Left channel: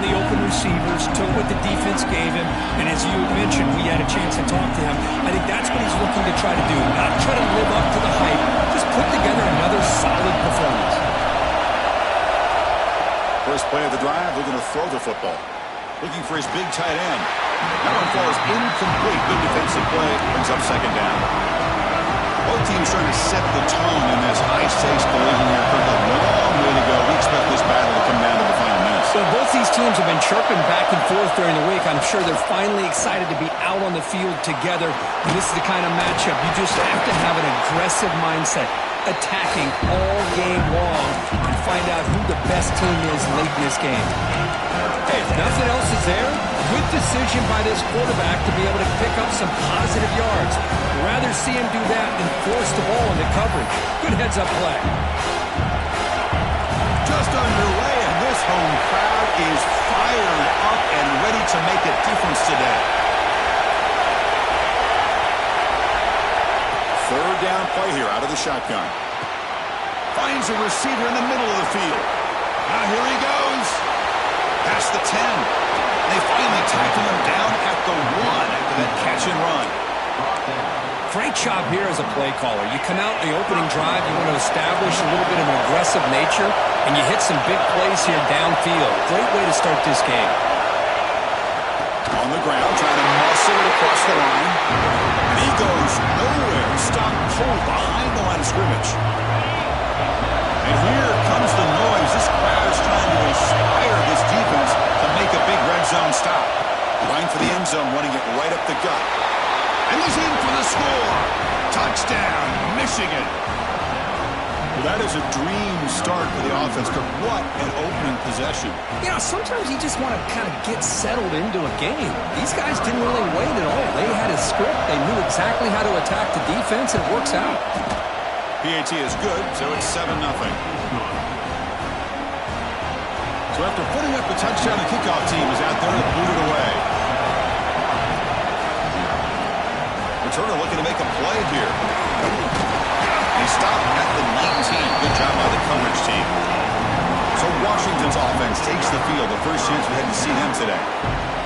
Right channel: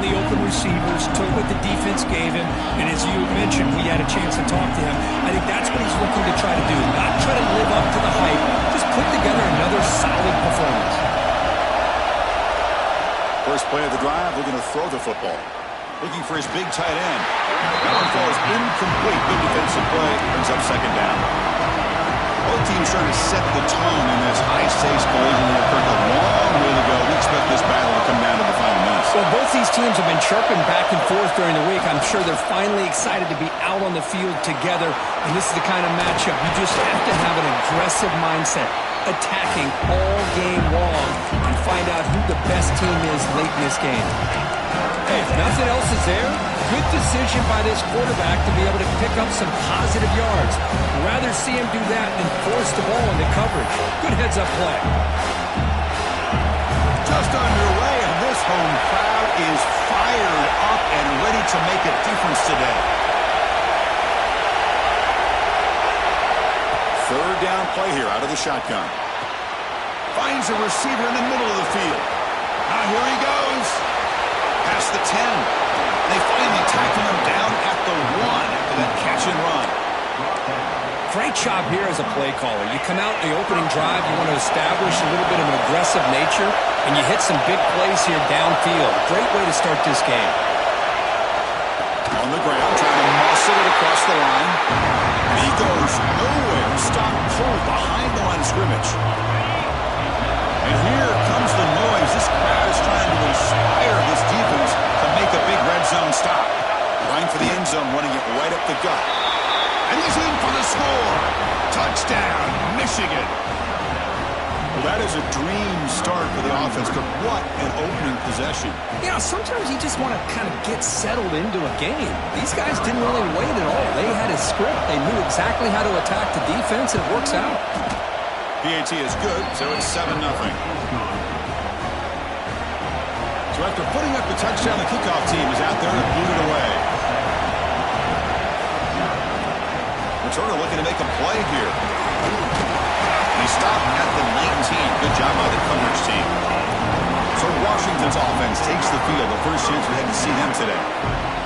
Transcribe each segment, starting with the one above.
found the open receivers, took what the defense gave him, and as you mentioned, we had a chance to talk to him. I think that's what he's looking to try to do, not try to live up to the hype, just put together another solid performance. First play of the drive, looking to throw the football. Looking for his big tight end. That one falls incomplete. Good defensive play. Brings up second down. Both teams trying to set the tone in this high-stakes collision here. Kirk, a long way to go. We expect this battle to come down to the final minutes. Well, both these teams have been chirping back and forth during the week. I'm sure they're finally excited to be out on the field together. And this is the kind of matchup you just have to have an aggressive mindset, attacking all game long, and find out who the best team is late in this game. Hey, if nothing else is there, good decision by this quarterback to be able to pick up some positive yards. Rather see him do that than force the ball into coverage. Good heads-up play. Just underway, and this home crowd is fired up and ready to make a difference today. Third down play here out of the shotgun. Finds a receiver in the middle of the field. Now here he goes. Past the 10. They finally tackle him down at the 1 after that catch and run. Great job here as a play caller. You come out in the opening drive, you want to establish a little bit of an aggressive nature, and you hit some big plays here downfield. Great way to start this game. On the ground, trying to muscle it across the line. And he goes nowhere. Stop cold behind the line of scrimmage. And here comes the noise. This crowd is trying to inspire this defense to make a big red zone stop. Line for the end zone, running it right up the gut. And he's in for the score. Touchdown, Michigan. Well, that is a dream start for the offense. What an opening possession. You know, sometimes you just want to kind of get settled into a game. These guys didn't really wait at all. They had a script. They knew exactly how to attack the defense, and it works out. PAT is good, so it's 7-0. So after putting up the touchdown, the kickoff team is out there to boot it away. Returner looking to make a play here. They stop at the 19. Good job by the coverage team. So Washington's offense takes the field. The first chance we had to see them today.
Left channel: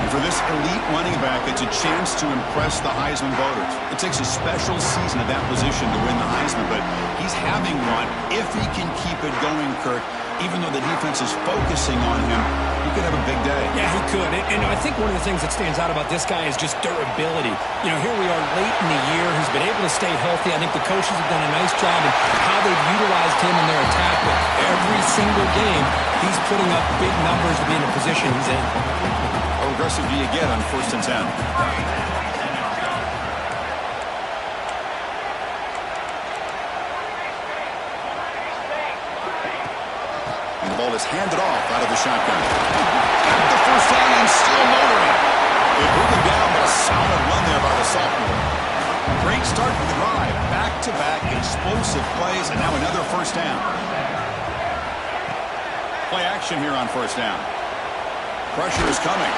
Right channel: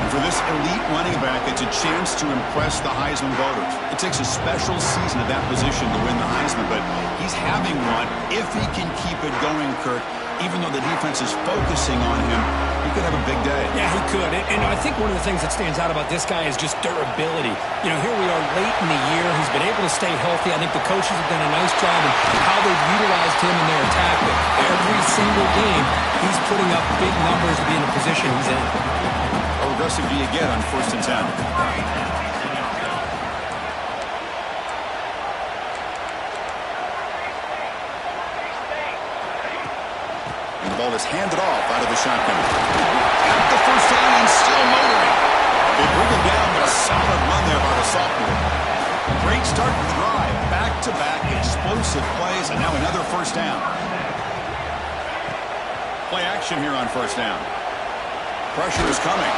And for this elite running back, it's a chance to impress the Heisman voters. It takes a special season at that position to win the Heisman, but he's having one if he can keep it going, Kirk. Even though the defense is focusing on him, he could have a big day. Yeah, he could. And I think one of the things that stands out about this guy is just durability. You know, here we are late in the year. He's been able to stay healthy. I think the coaches have done a nice job in how they've utilized him in their attack. But every single game, he's putting up big numbers to be in the position he's in. How aggressive do you get on 1st and 10? The ball is handed off out of the shotgun. Got the first down and still motoring. They bring him down, but a solid run there by the sophomore. Great start for the drive. Back-to-back explosive plays, and now another first down. Play action here on 1st down. Pressure is coming.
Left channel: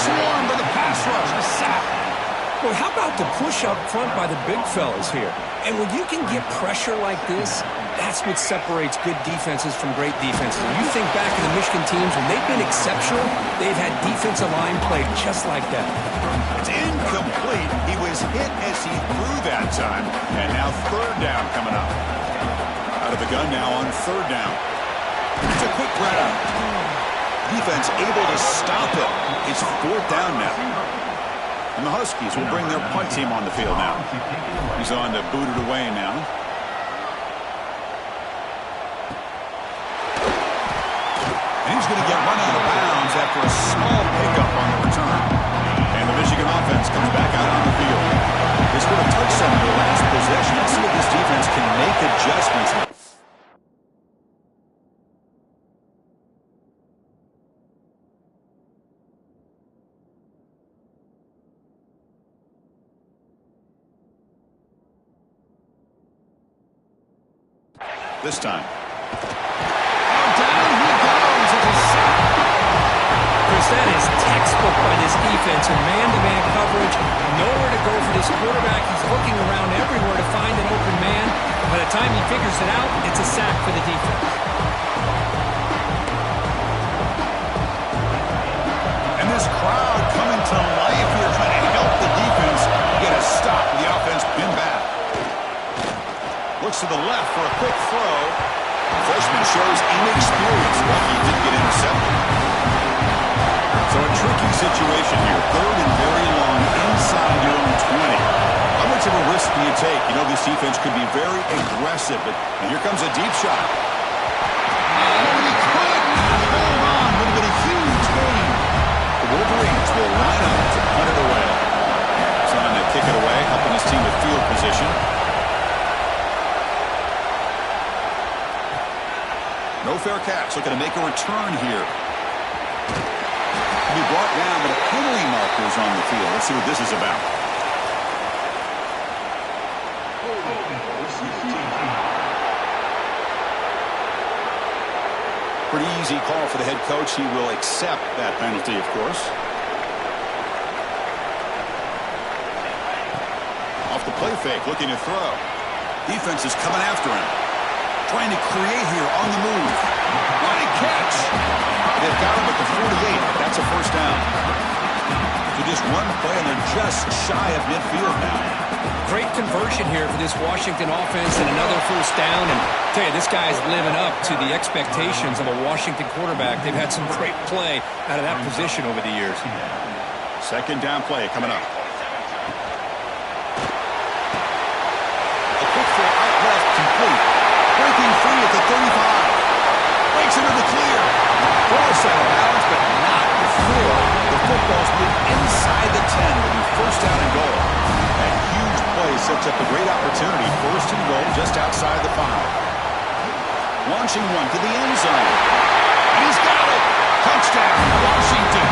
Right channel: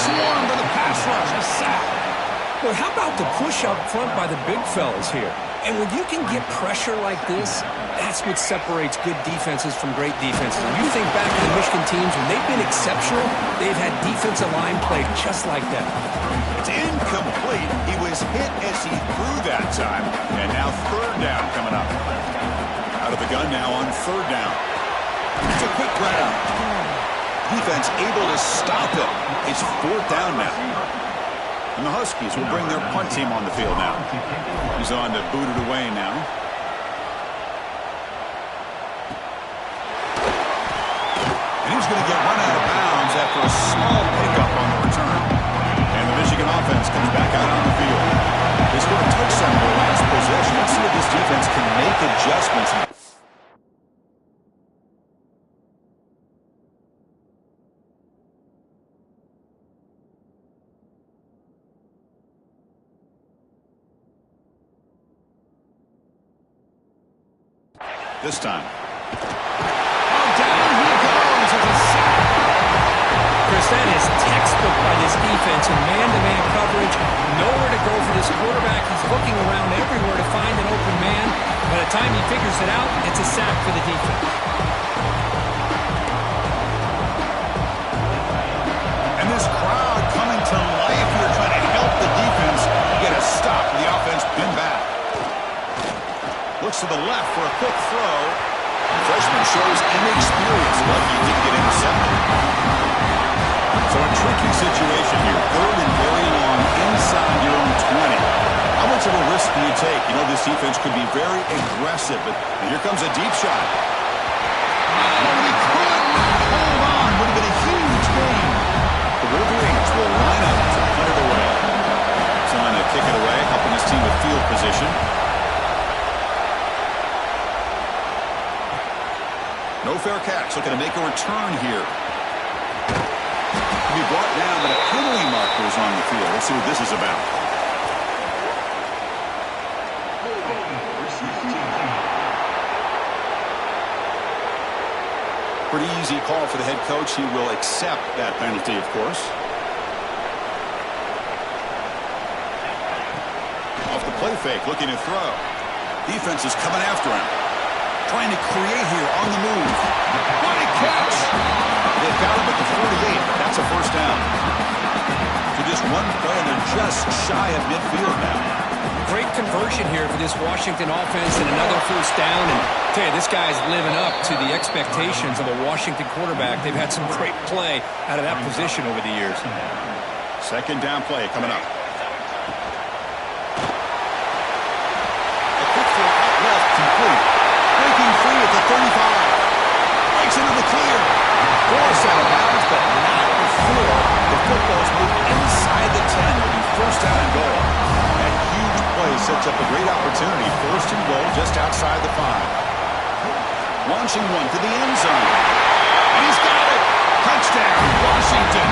Swarmed by the pass rush. A sack. Boy, how about the push up front by the big fellas here? And when you can get pressure like this, that's what separates good defenses from great defenses. And you think back to the Michigan teams, when they've been exceptional, they've had defensive line play just like that. It's incomplete. He was hit as he threw that time. And now 3rd down coming up. Out of the gun now on 3rd down. It's a quick grab. Defense able to stop it. It's 4th down now. And the Huskies will bring their punt team on the field now. He's on to boot it away now. And he's going to get run out of bounds after a small pickup on the return. And the Michigan offense comes back out on the field. They scored a touchdown in their last possession. Let's see if this defense can make adjustments. This time. Oh, down he goes. It's a sack. Chris, that is textbook by this defense in man-to-man coverage. Nowhere to go for this quarterback. He's looking around everywhere to find an open man. By the time he figures it out, it's a sack for the defense. to life here, trying to help the defense get a stop with the offense pinned back. Looks to the left for a quick throw. The freshman shows inexperience. Lucky he didn't get intercepted. So a tricky situation here. Third and very long inside your own 20. How much of a risk do you take? You know, this defense could be very aggressive, but here comes a deep shot. Oh, he could not hold on. Would have been a huge gain. The Wolverines will line up to punt it away. Trying to kick it away, helping his team with field position. No fair catch. Looking to make a return here. Be brought down, but a penalty marker is on the field. Let's see what this is about. Pretty easy call for the head coach. He will accept that penalty, of course. Off the play fake, looking to throw. Defense is coming after him. Trying to create here on the move. What a catch! They've got him at the 48, but that's a first down. So just one play, and they're just shy of midfield now. Great conversion here for this Washington offense and another first down. And I tell you, this guy's living up to the expectations of a Washington quarterback. They've had some great play out of that position over the years. Second down play coming up. A quick throw out left, complete. Breaking free at the 35. Breaks into the clear. Forced out of bounds, but not before the football's moved inside the 10. Will be first down and goal. That huge play sets up a great opportunity. First and goal just outside the 5. Launching one to the end zone. And he's got it. Touchdown, Washington.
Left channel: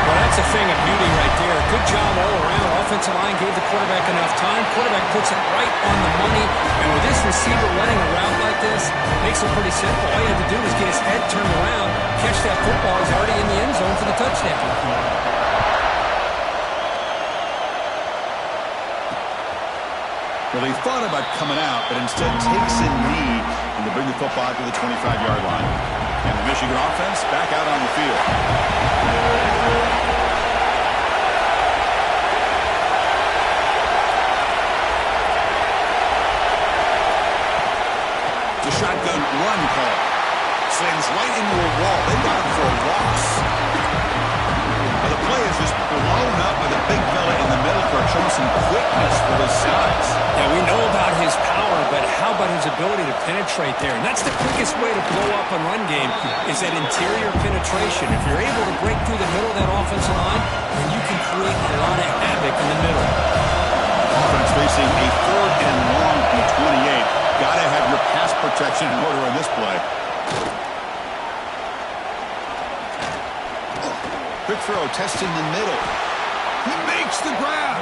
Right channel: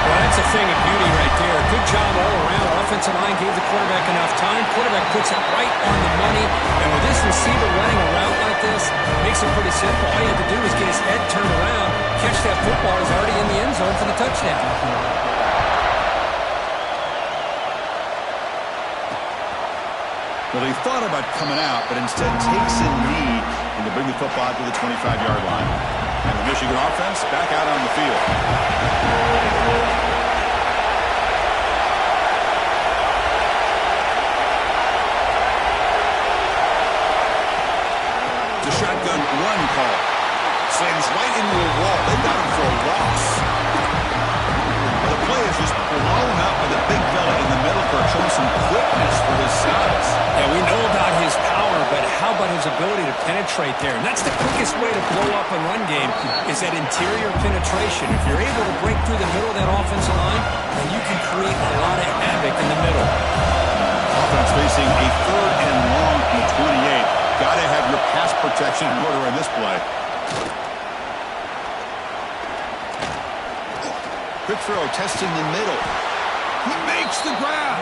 Well, that's a thing of beauty right there. Good job all around. Offensive line gave the quarterback enough time. Quarterback puts it right on the money. And with this receiver running a route like this, makes it pretty simple. All you have to do is get his head turned around, catch that football. He's already in the end zone for the touchdown. Well, he thought about coming out, but instead takes a knee and to bring the football to the 25-yard line. And the Michigan offense back out on the field. The shotgun run call. Slams right into a wall. They got him for a loss. Well, the play is just blown up by the big fella in the middle for showing some quickness for his size. Yeah, we know about his power, but how about his ability to penetrate there? And that's the quickest way to blow up a run game is that interior penetration. If you're able to break through the middle of that offensive line, then you can create a lot of havoc in the middle. Offense facing a third and long from 28. Got to have your pass protection in order on this play. Quick throw, testing the middle. He makes the grab.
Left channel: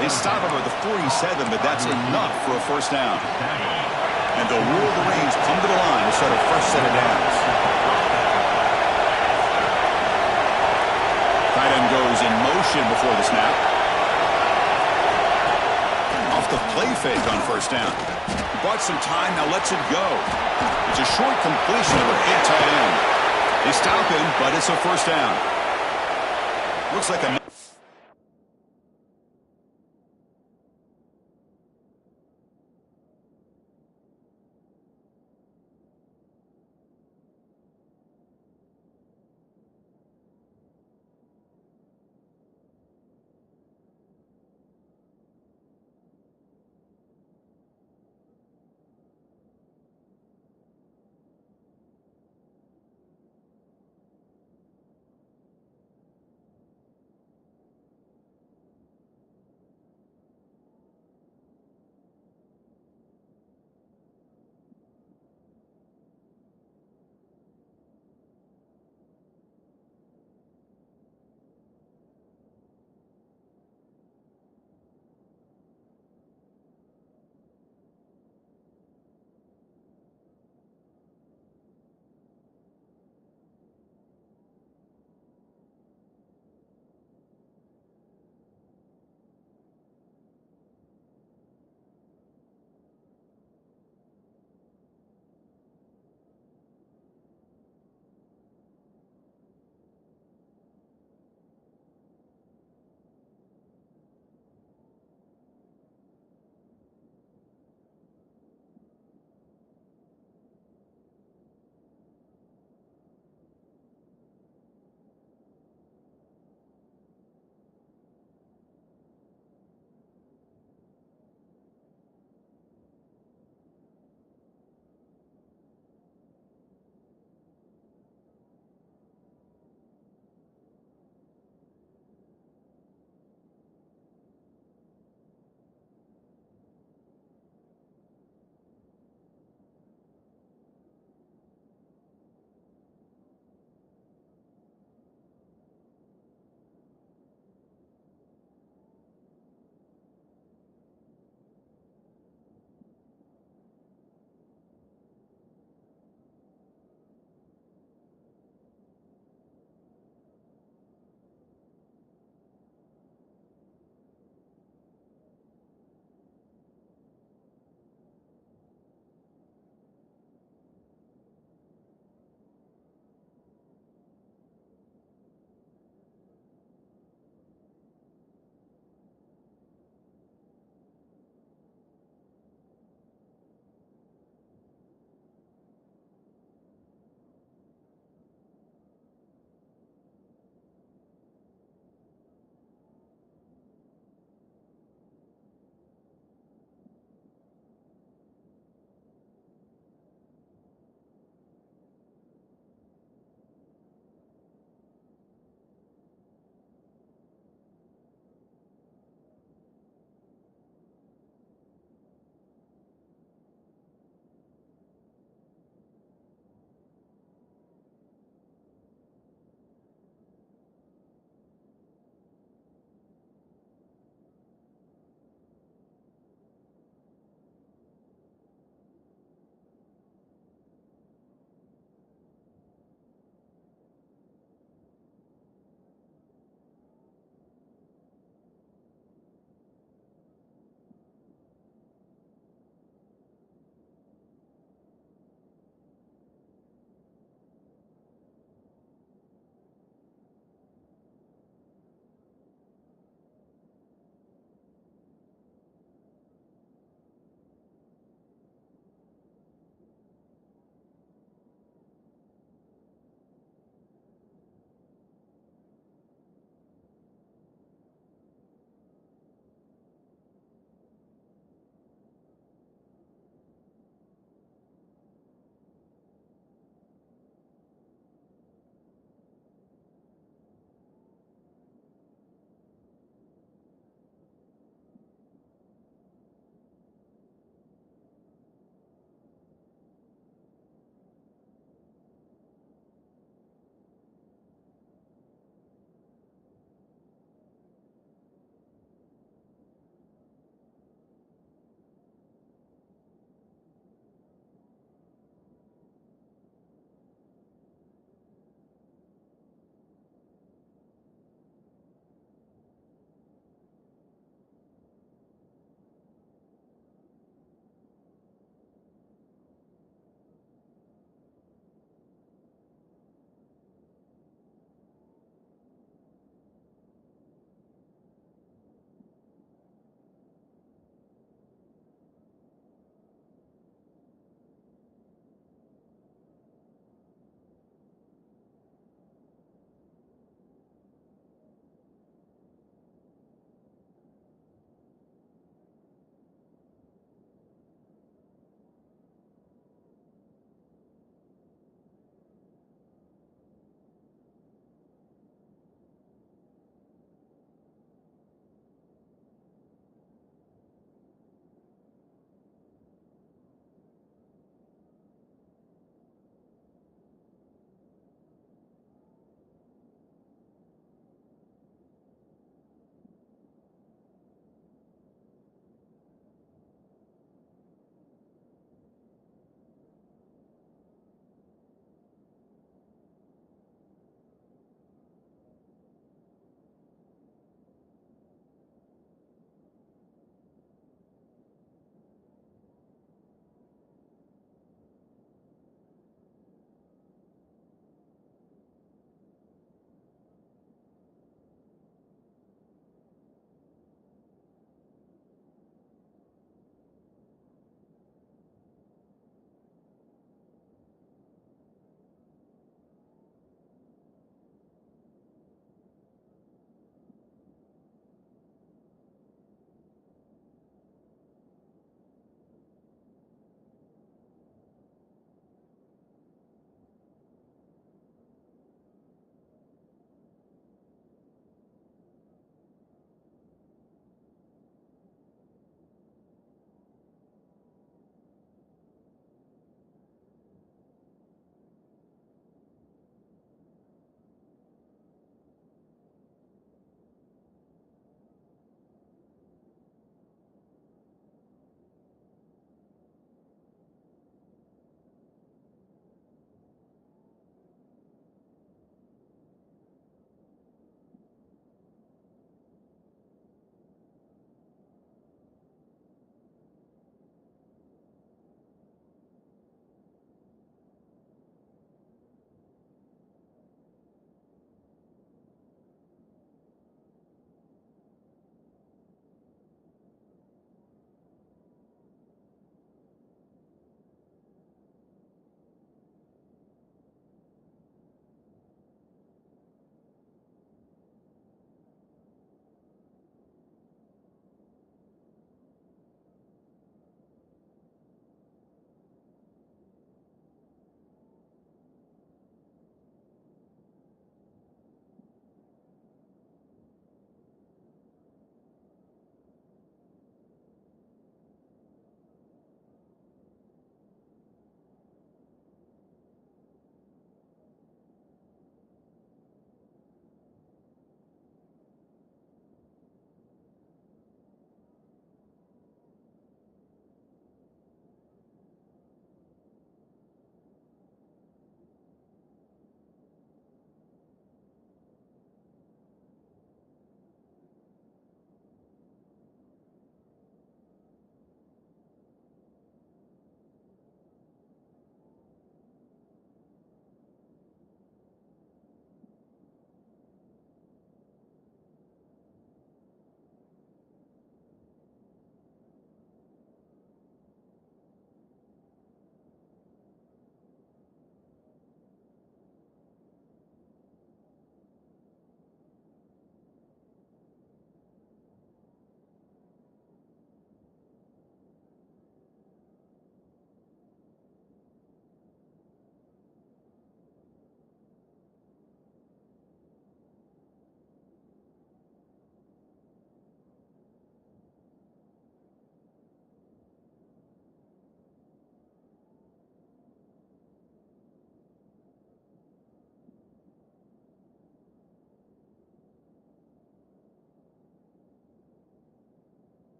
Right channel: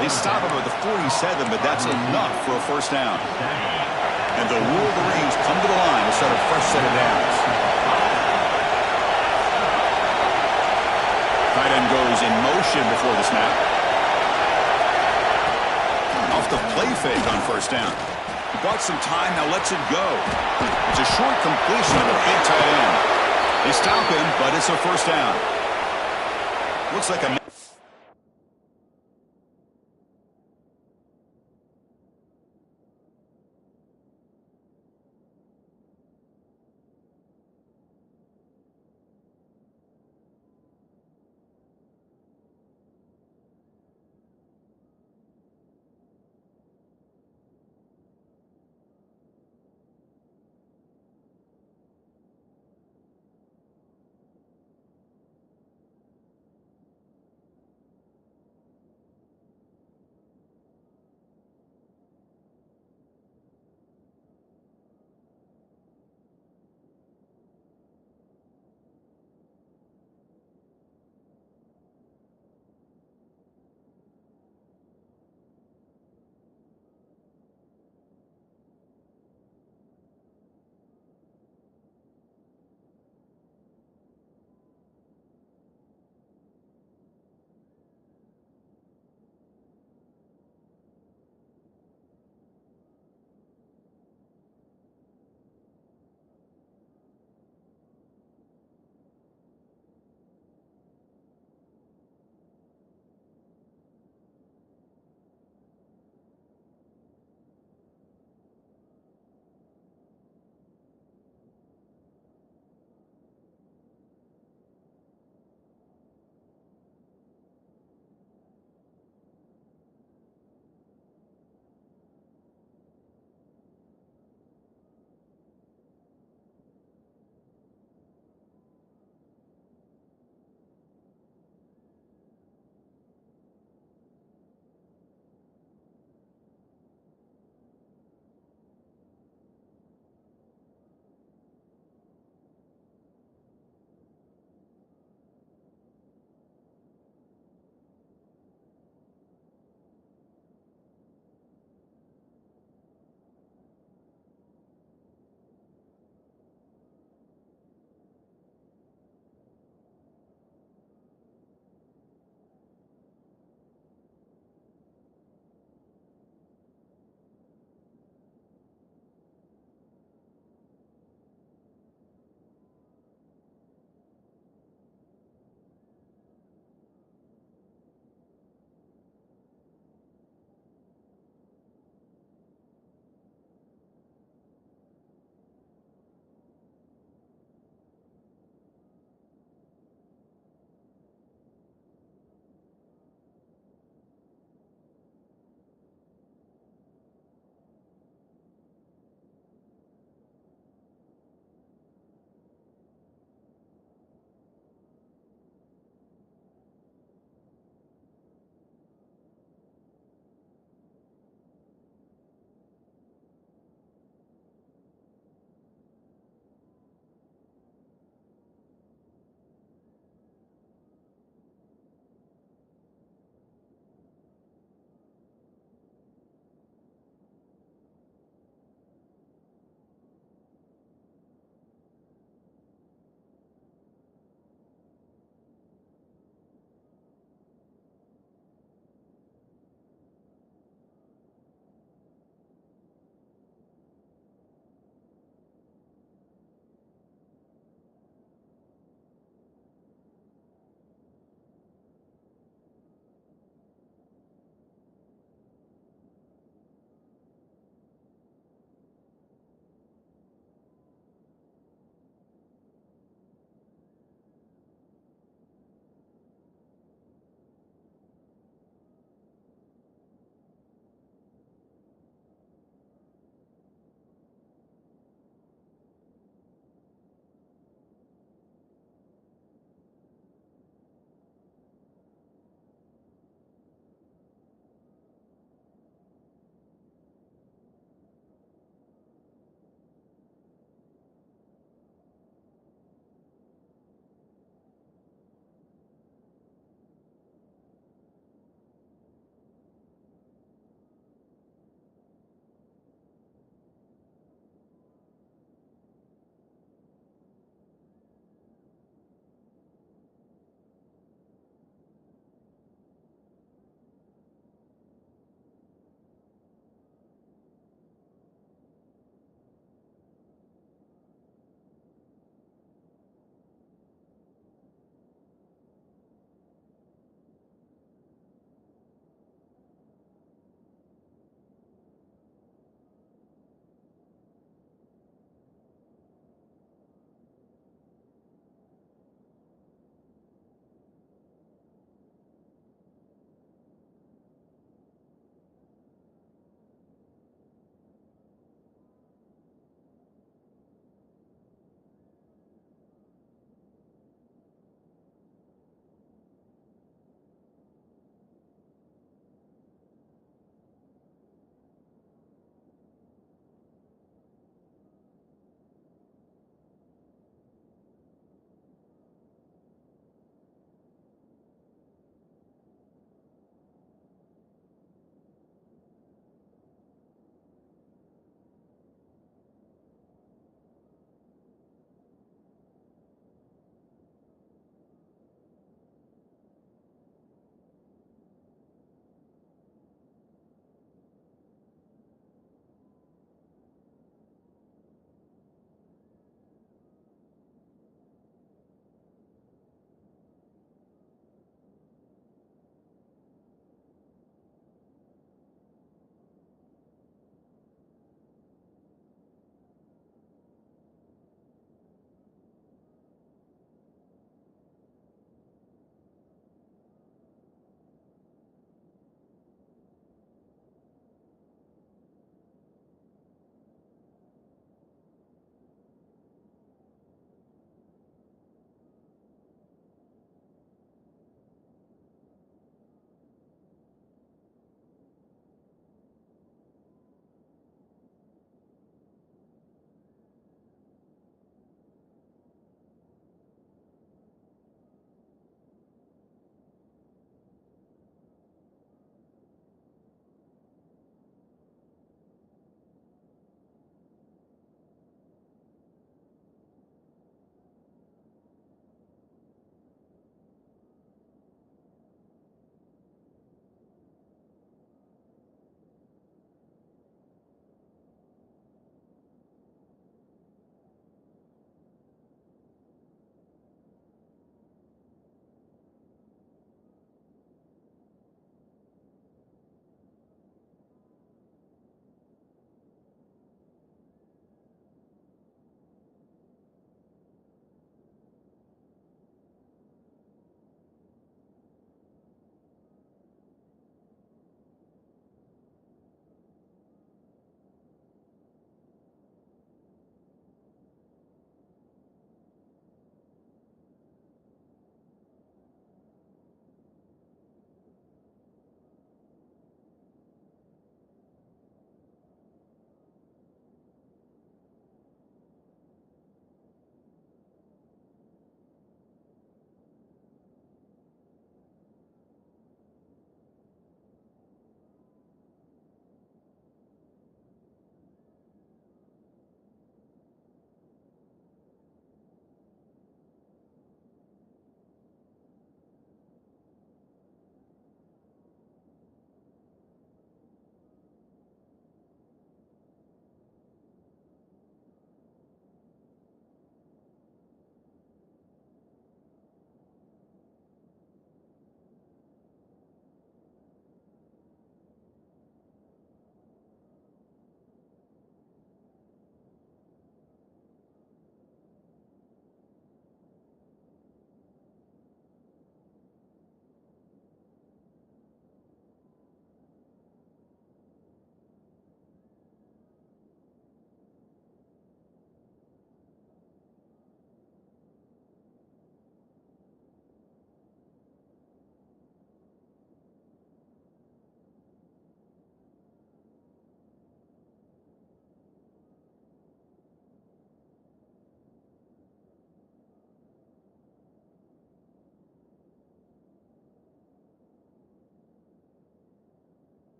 They stop him at the 47, but that's enough for a first down. And the Wolverines come to the line to start a fresh set of downs. Tight end goes in motion before the snap. Off the play fake on first down. He bought some time, now lets it go. It's a short completion of the big tight end. They stop him, but it's a first down. Looks like a...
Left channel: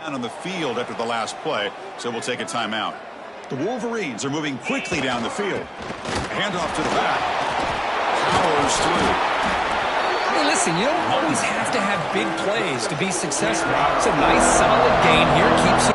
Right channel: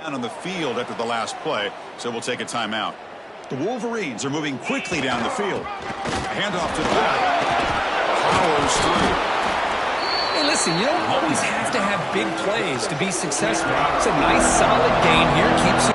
Down on the field after the last play, so we'll take a timeout. The Wolverines are moving quickly down the field. A handoff to the back. Powers through. Hey, listen, you don't always have to have big plays to be successful. It's a nice, solid gain here. Keeps you.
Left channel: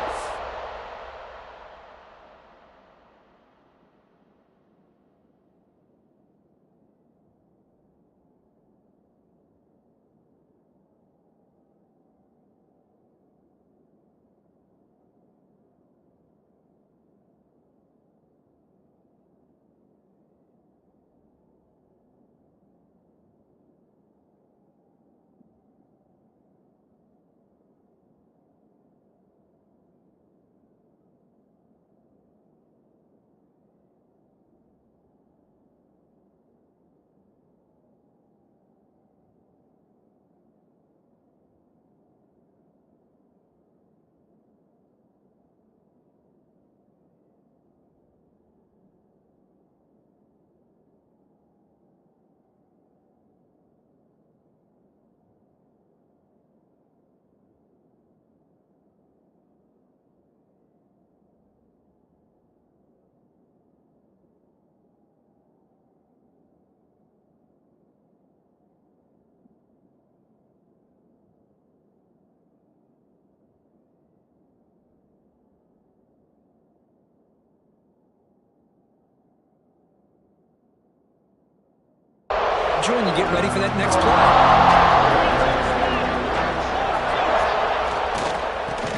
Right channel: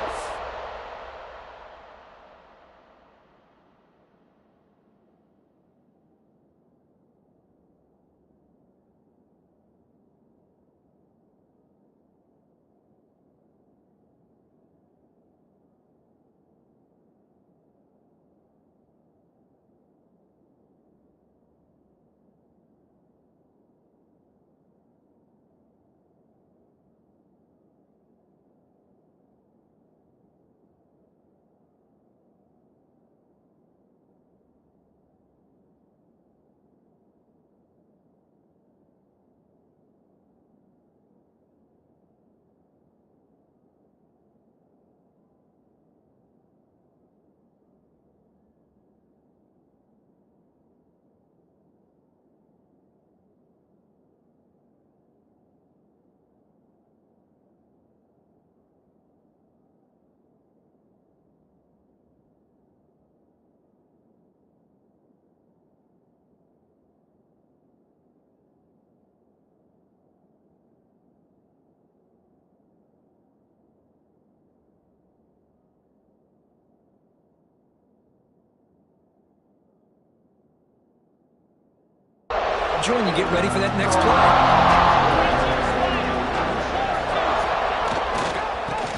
Join you get ready for that next play.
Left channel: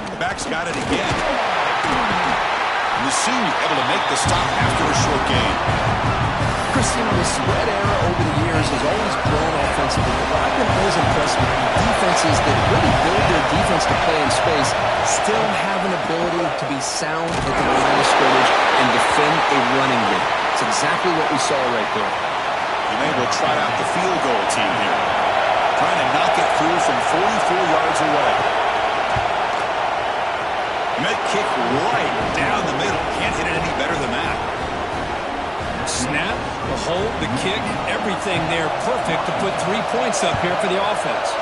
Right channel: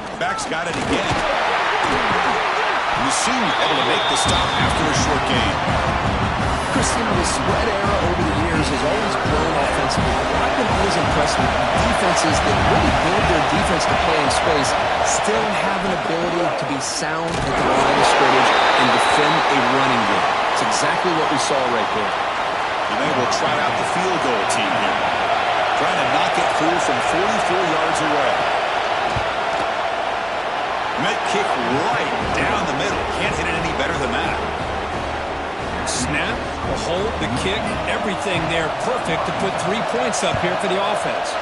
The back's got it again. And the senior able to make the stop after a short gain. Chris, you know, the spread era over the years has always grown offensively. But what I've been always impressed with defenses that really build their defense to play in space still have an ability to be sound at the line of scrimmage and defend a running game. It's exactly what we saw right there. And they will trot out the field goal team here. Trying to knock it through from 44 yards away. Met kick right down the middle. Can't hit it any better than that. Snap, the hold, the kick, everything there perfect to put 3 points up here for the offense.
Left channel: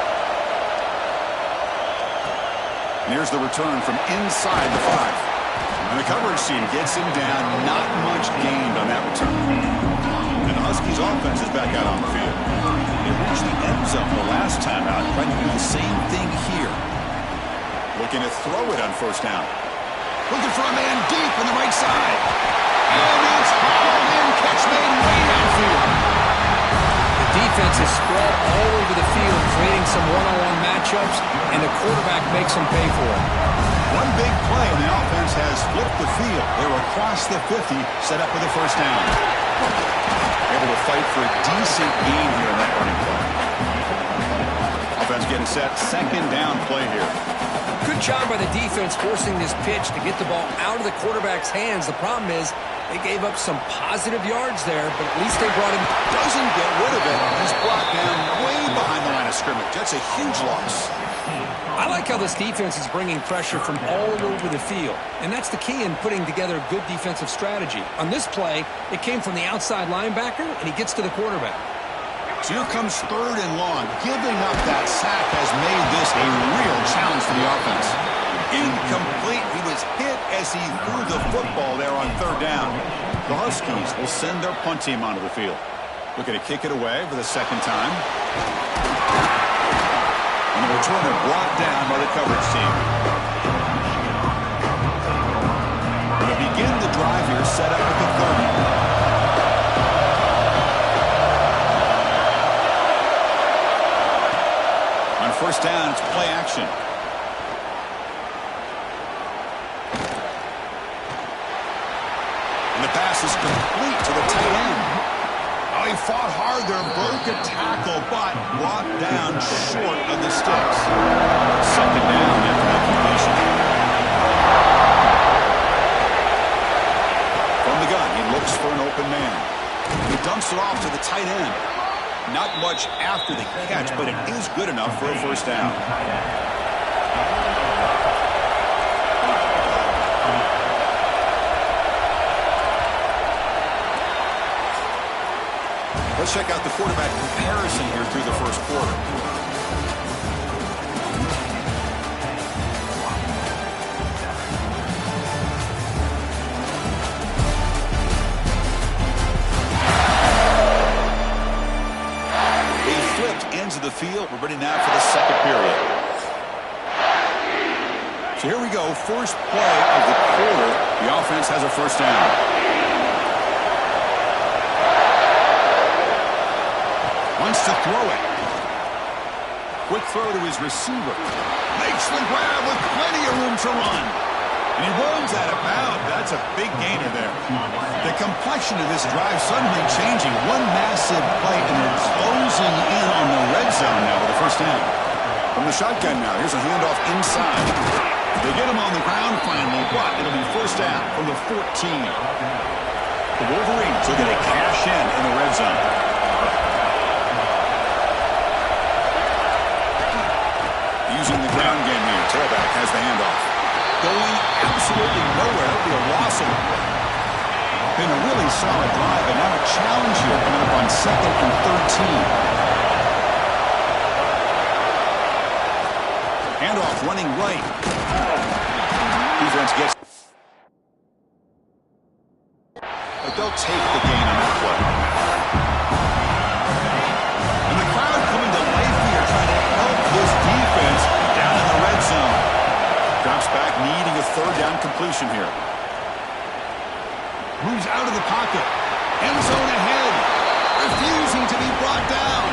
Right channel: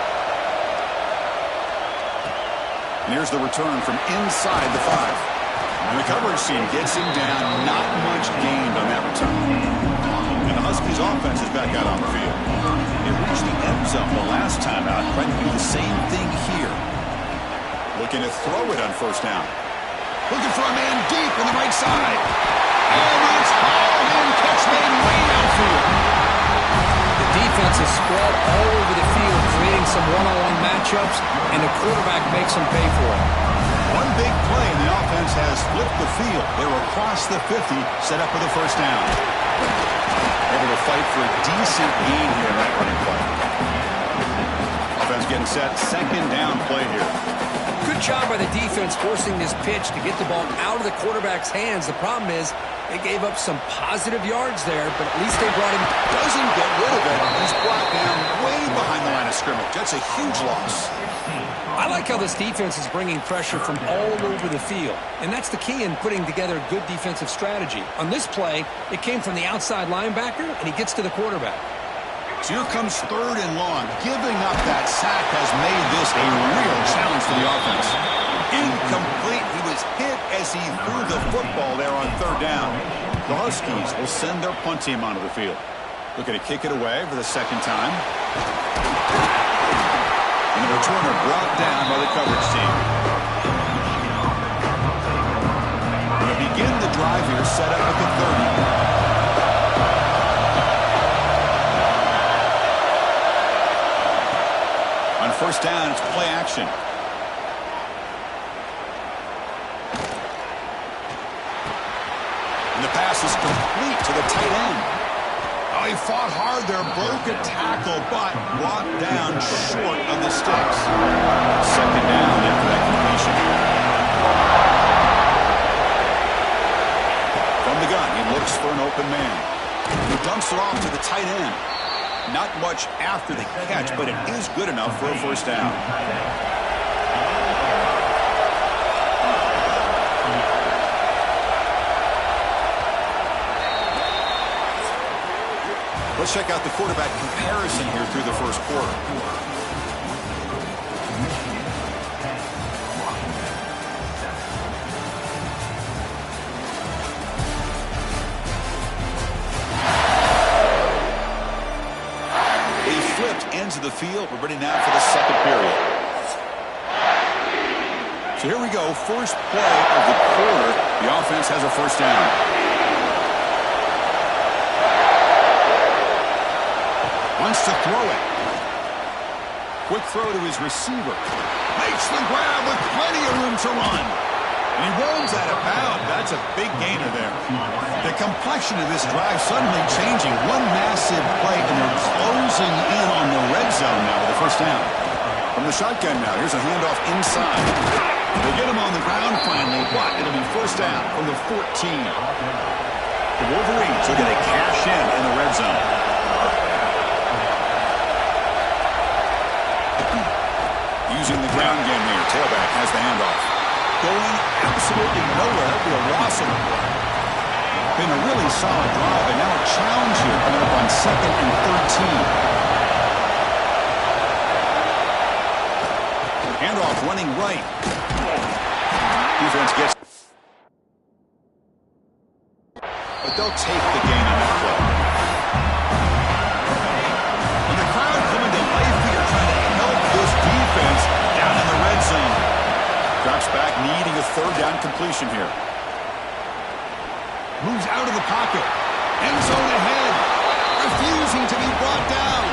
And here's the return from inside the 5. And the coverage team gets him down. Not much gained on that return. And the Huskies offense is back out on the field. They reached the end zone the last time out, trying to do the same thing here. Looking to throw it on first down. Looking for a man deep on the right side. And it's hauled in, catch made way downfield. The defense is spread all over the field, creating some one-on-one matchups, and the quarterback makes them pay for it. One big play, and the offense has flipped the field. They were across the 50, set up with a first down. Able to fight for a decent gain here in that running play. Offense getting set, second down play here. Good job by the defense forcing this pitch to get the ball out of the quarterback's hands. The problem is they gave up some positive yards there, but at least they brought him. Doesn't get rid of it. He's brought down way behind the line of scrimmage. That's a huge loss. I like how this defense is bringing pressure from all over the field, and that's the key in putting together a good defensive strategy. On this play, it came from the outside linebacker, and he gets to the quarterback. So here comes third and long. Giving up that sack has made this a real challenge for the offense. Incomplete. He was hit as he threw the football there on third down. The Huskies will send their punt team onto the field. Looking to kick it away for the second time. And the returner brought down by the coverage team. Going to begin the drive here, set up at the 30. On first down, it's play action. And the pass is complete to the tight end. Oh, he fought hard there, broke a tackle, but brought down short of the sticks. Second down after that completion. From the gun, he looks for an open man. He dumps it off to the tight end. Not much after the catch, but it is good enough for a first down. Let's check out the quarterback comparison here through the first quarter. flipped ends of the field. We're ready now for the second period. So here we go. First play of the quarter. The offense has a first down. Wants to throw it. Quick throw to his receiver. Makes the grab with plenty of room to run. And he runs out of bounds. That's a big gainer there. The complexion of this drive suddenly changing. One massive play, and they're closing in on the red zone now with a first down. From the shotgun now, here's a handoff inside. They get him on the ground finally, but it'll be first down from the 14. The Wolverines looking to cash in the red zone. Using the ground game here. Tailback has the handoff. Going absolutely nowhere. That'll be a loss of the play. Been a really solid drive, and now a challenge here coming up on 2nd and 13. Handoff running right. Defense gets... But they'll take the gain on that play. And the crowd coming to life here, trying to help this defense down in the red zone. Drops back, needing a third down completion here. Moves out of the pocket. End zone ahead. Refusing to be brought down.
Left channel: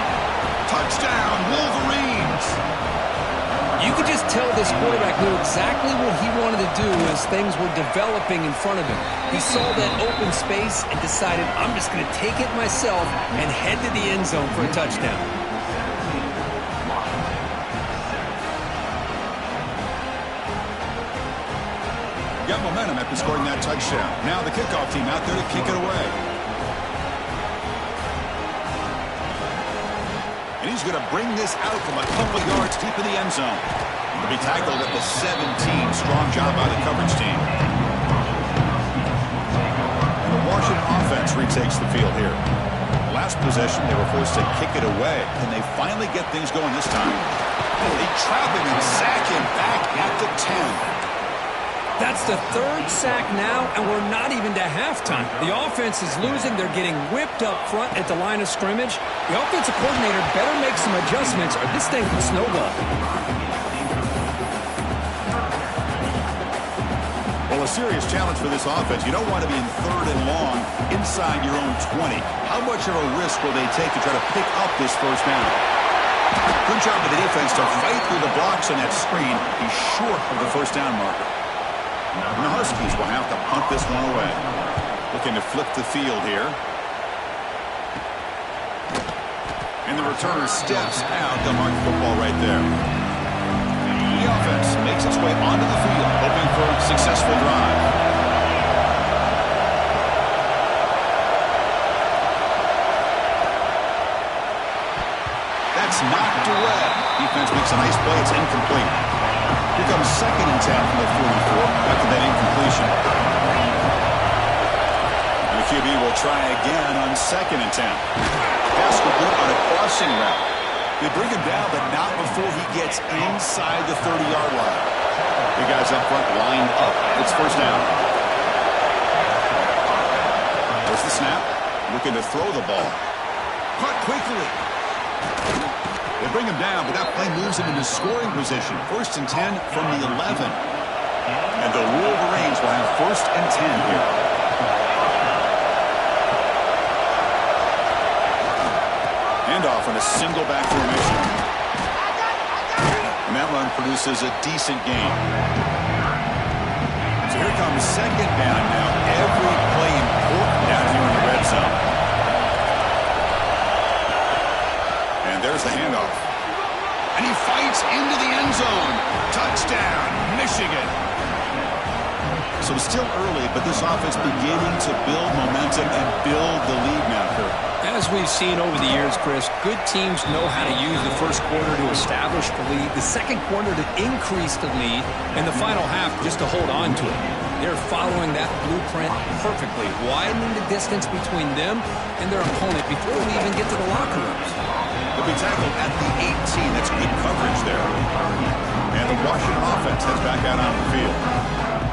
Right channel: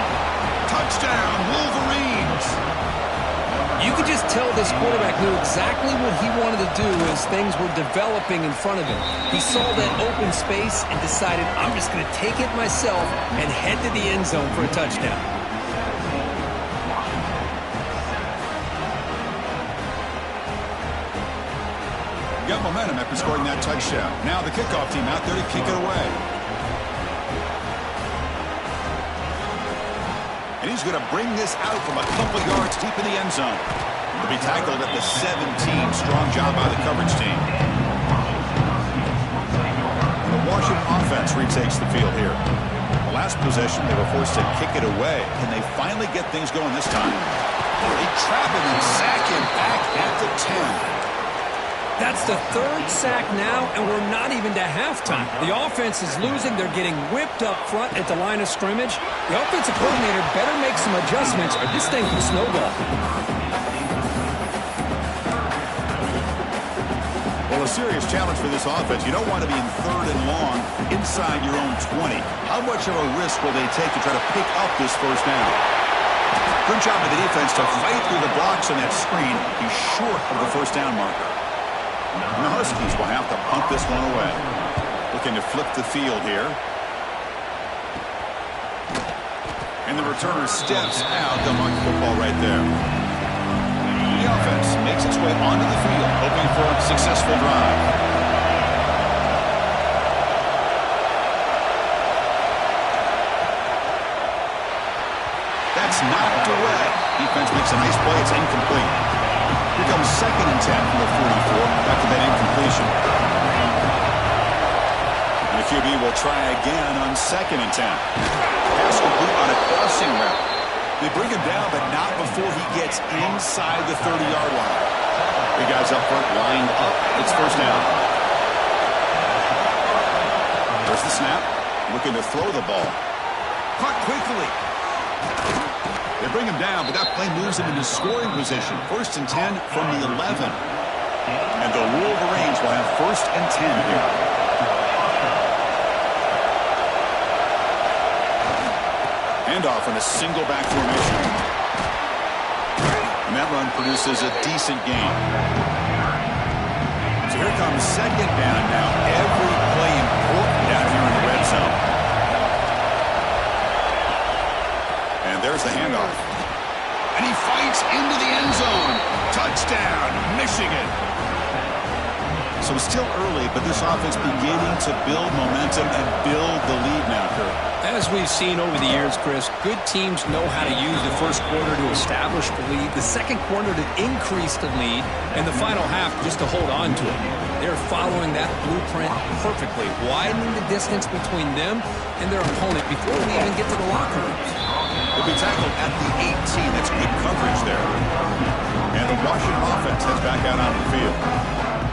Touchdown, Wolverines. You could just tell this quarterback knew exactly what he wanted to do as things were developing in front of him. He saw that open space and decided, I'm just going to take it myself and head to the end zone for a touchdown. Got momentum after scoring that touchdown. Now the kickoff team out there to kick it away. And he's going to bring this out from a couple yards deep in the end zone. He'll be tackled at the 17. Strong job by the coverage team. And the Washington offense retakes the field here. The last possession, they were forced to kick it away. Can they finally get things going this time? They trap him and sack him back at the 10. That's the third sack now, and we're not even to halftime. The offense is losing. They're getting whipped up front at the line of scrimmage. The offensive coordinator better make some adjustments, or this thing could snowball. Well, a serious challenge for this offense. You don't want to be in 3rd and long inside your own 20. How much of a risk will they take to try to pick up this first down? Good job of the defense to fight through the blocks on that screen. He's short of the first down marker. And the Huskies will have to punt this one away. Looking to flip the field here. And the returner steps out. They'll mark the football right there. The offense makes its way onto the field, hoping for a successful drive. That's knocked away. Defense makes a nice play. It's incomplete. Here comes 2nd and 10 from the 44 after that incompletion. And the QB will try again on 2nd and 10. Pass complete on a crossing route. They bring him down, but not before he gets inside the 30-yard line. The guys up front lined up. It's first down. There's the snap. Looking to throw the ball. Caught quickly. They bring him down, but that play moves him into scoring position. 1st and 10 from the 11. And the Wolverines will have 1st and 10 here. Handoff on a single back formation. And that run produces a decent gain. So here comes 2nd down now. Every play important down here in the red zone. And there's the handoff. And he fights into the end zone. Touchdown, Michigan. So it's still early, but this offense beginning to build momentum and build the lead now, Kurt. As we've seen over the years, Chris, good teams know how to use the first quarter to establish the lead, the second quarter to increase the lead, and the final half just to hold on to it. They're following that blueprint perfectly, widening the distance between them and their opponent before we even get to the locker rooms. They'll be tackled at the 18. That's good coverage there. And the Washington offense heads back out on the field.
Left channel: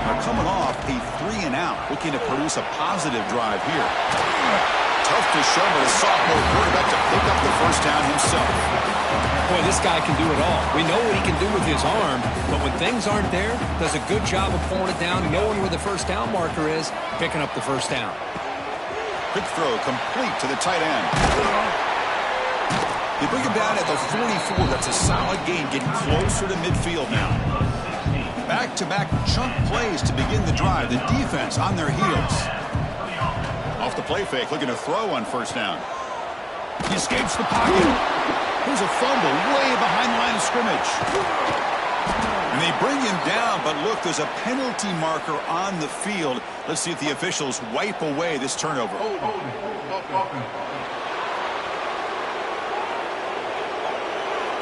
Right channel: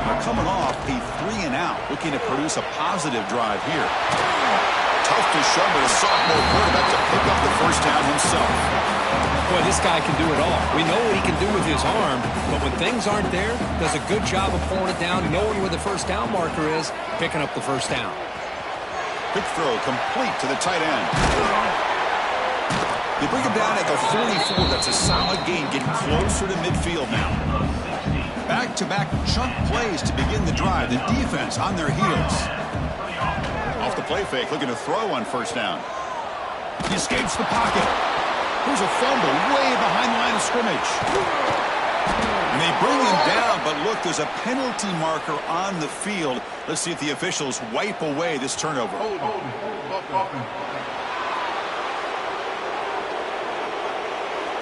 Now coming off a 3-and-out, looking to produce a positive drive here. Tough to show, but a sophomore quarterback to pick up the first down himself. Boy, this guy can do it all. We know what he can do with his arm, but when things aren't there, does a good job of pulling it down, knowing where the first down marker is, picking up the first down. Quick throw complete to the tight end. They bring him down at the 44. That's a solid gain, getting closer to midfield now. Back-to-back chunk plays to begin the drive. The defense on their heels. Off the play fake, looking to throw on first down. He escapes the pocket. Here's a fumble way behind the line of scrimmage. And they bring him down, but look, there's a penalty marker on the field. Let's see if the officials wipe away this turnover.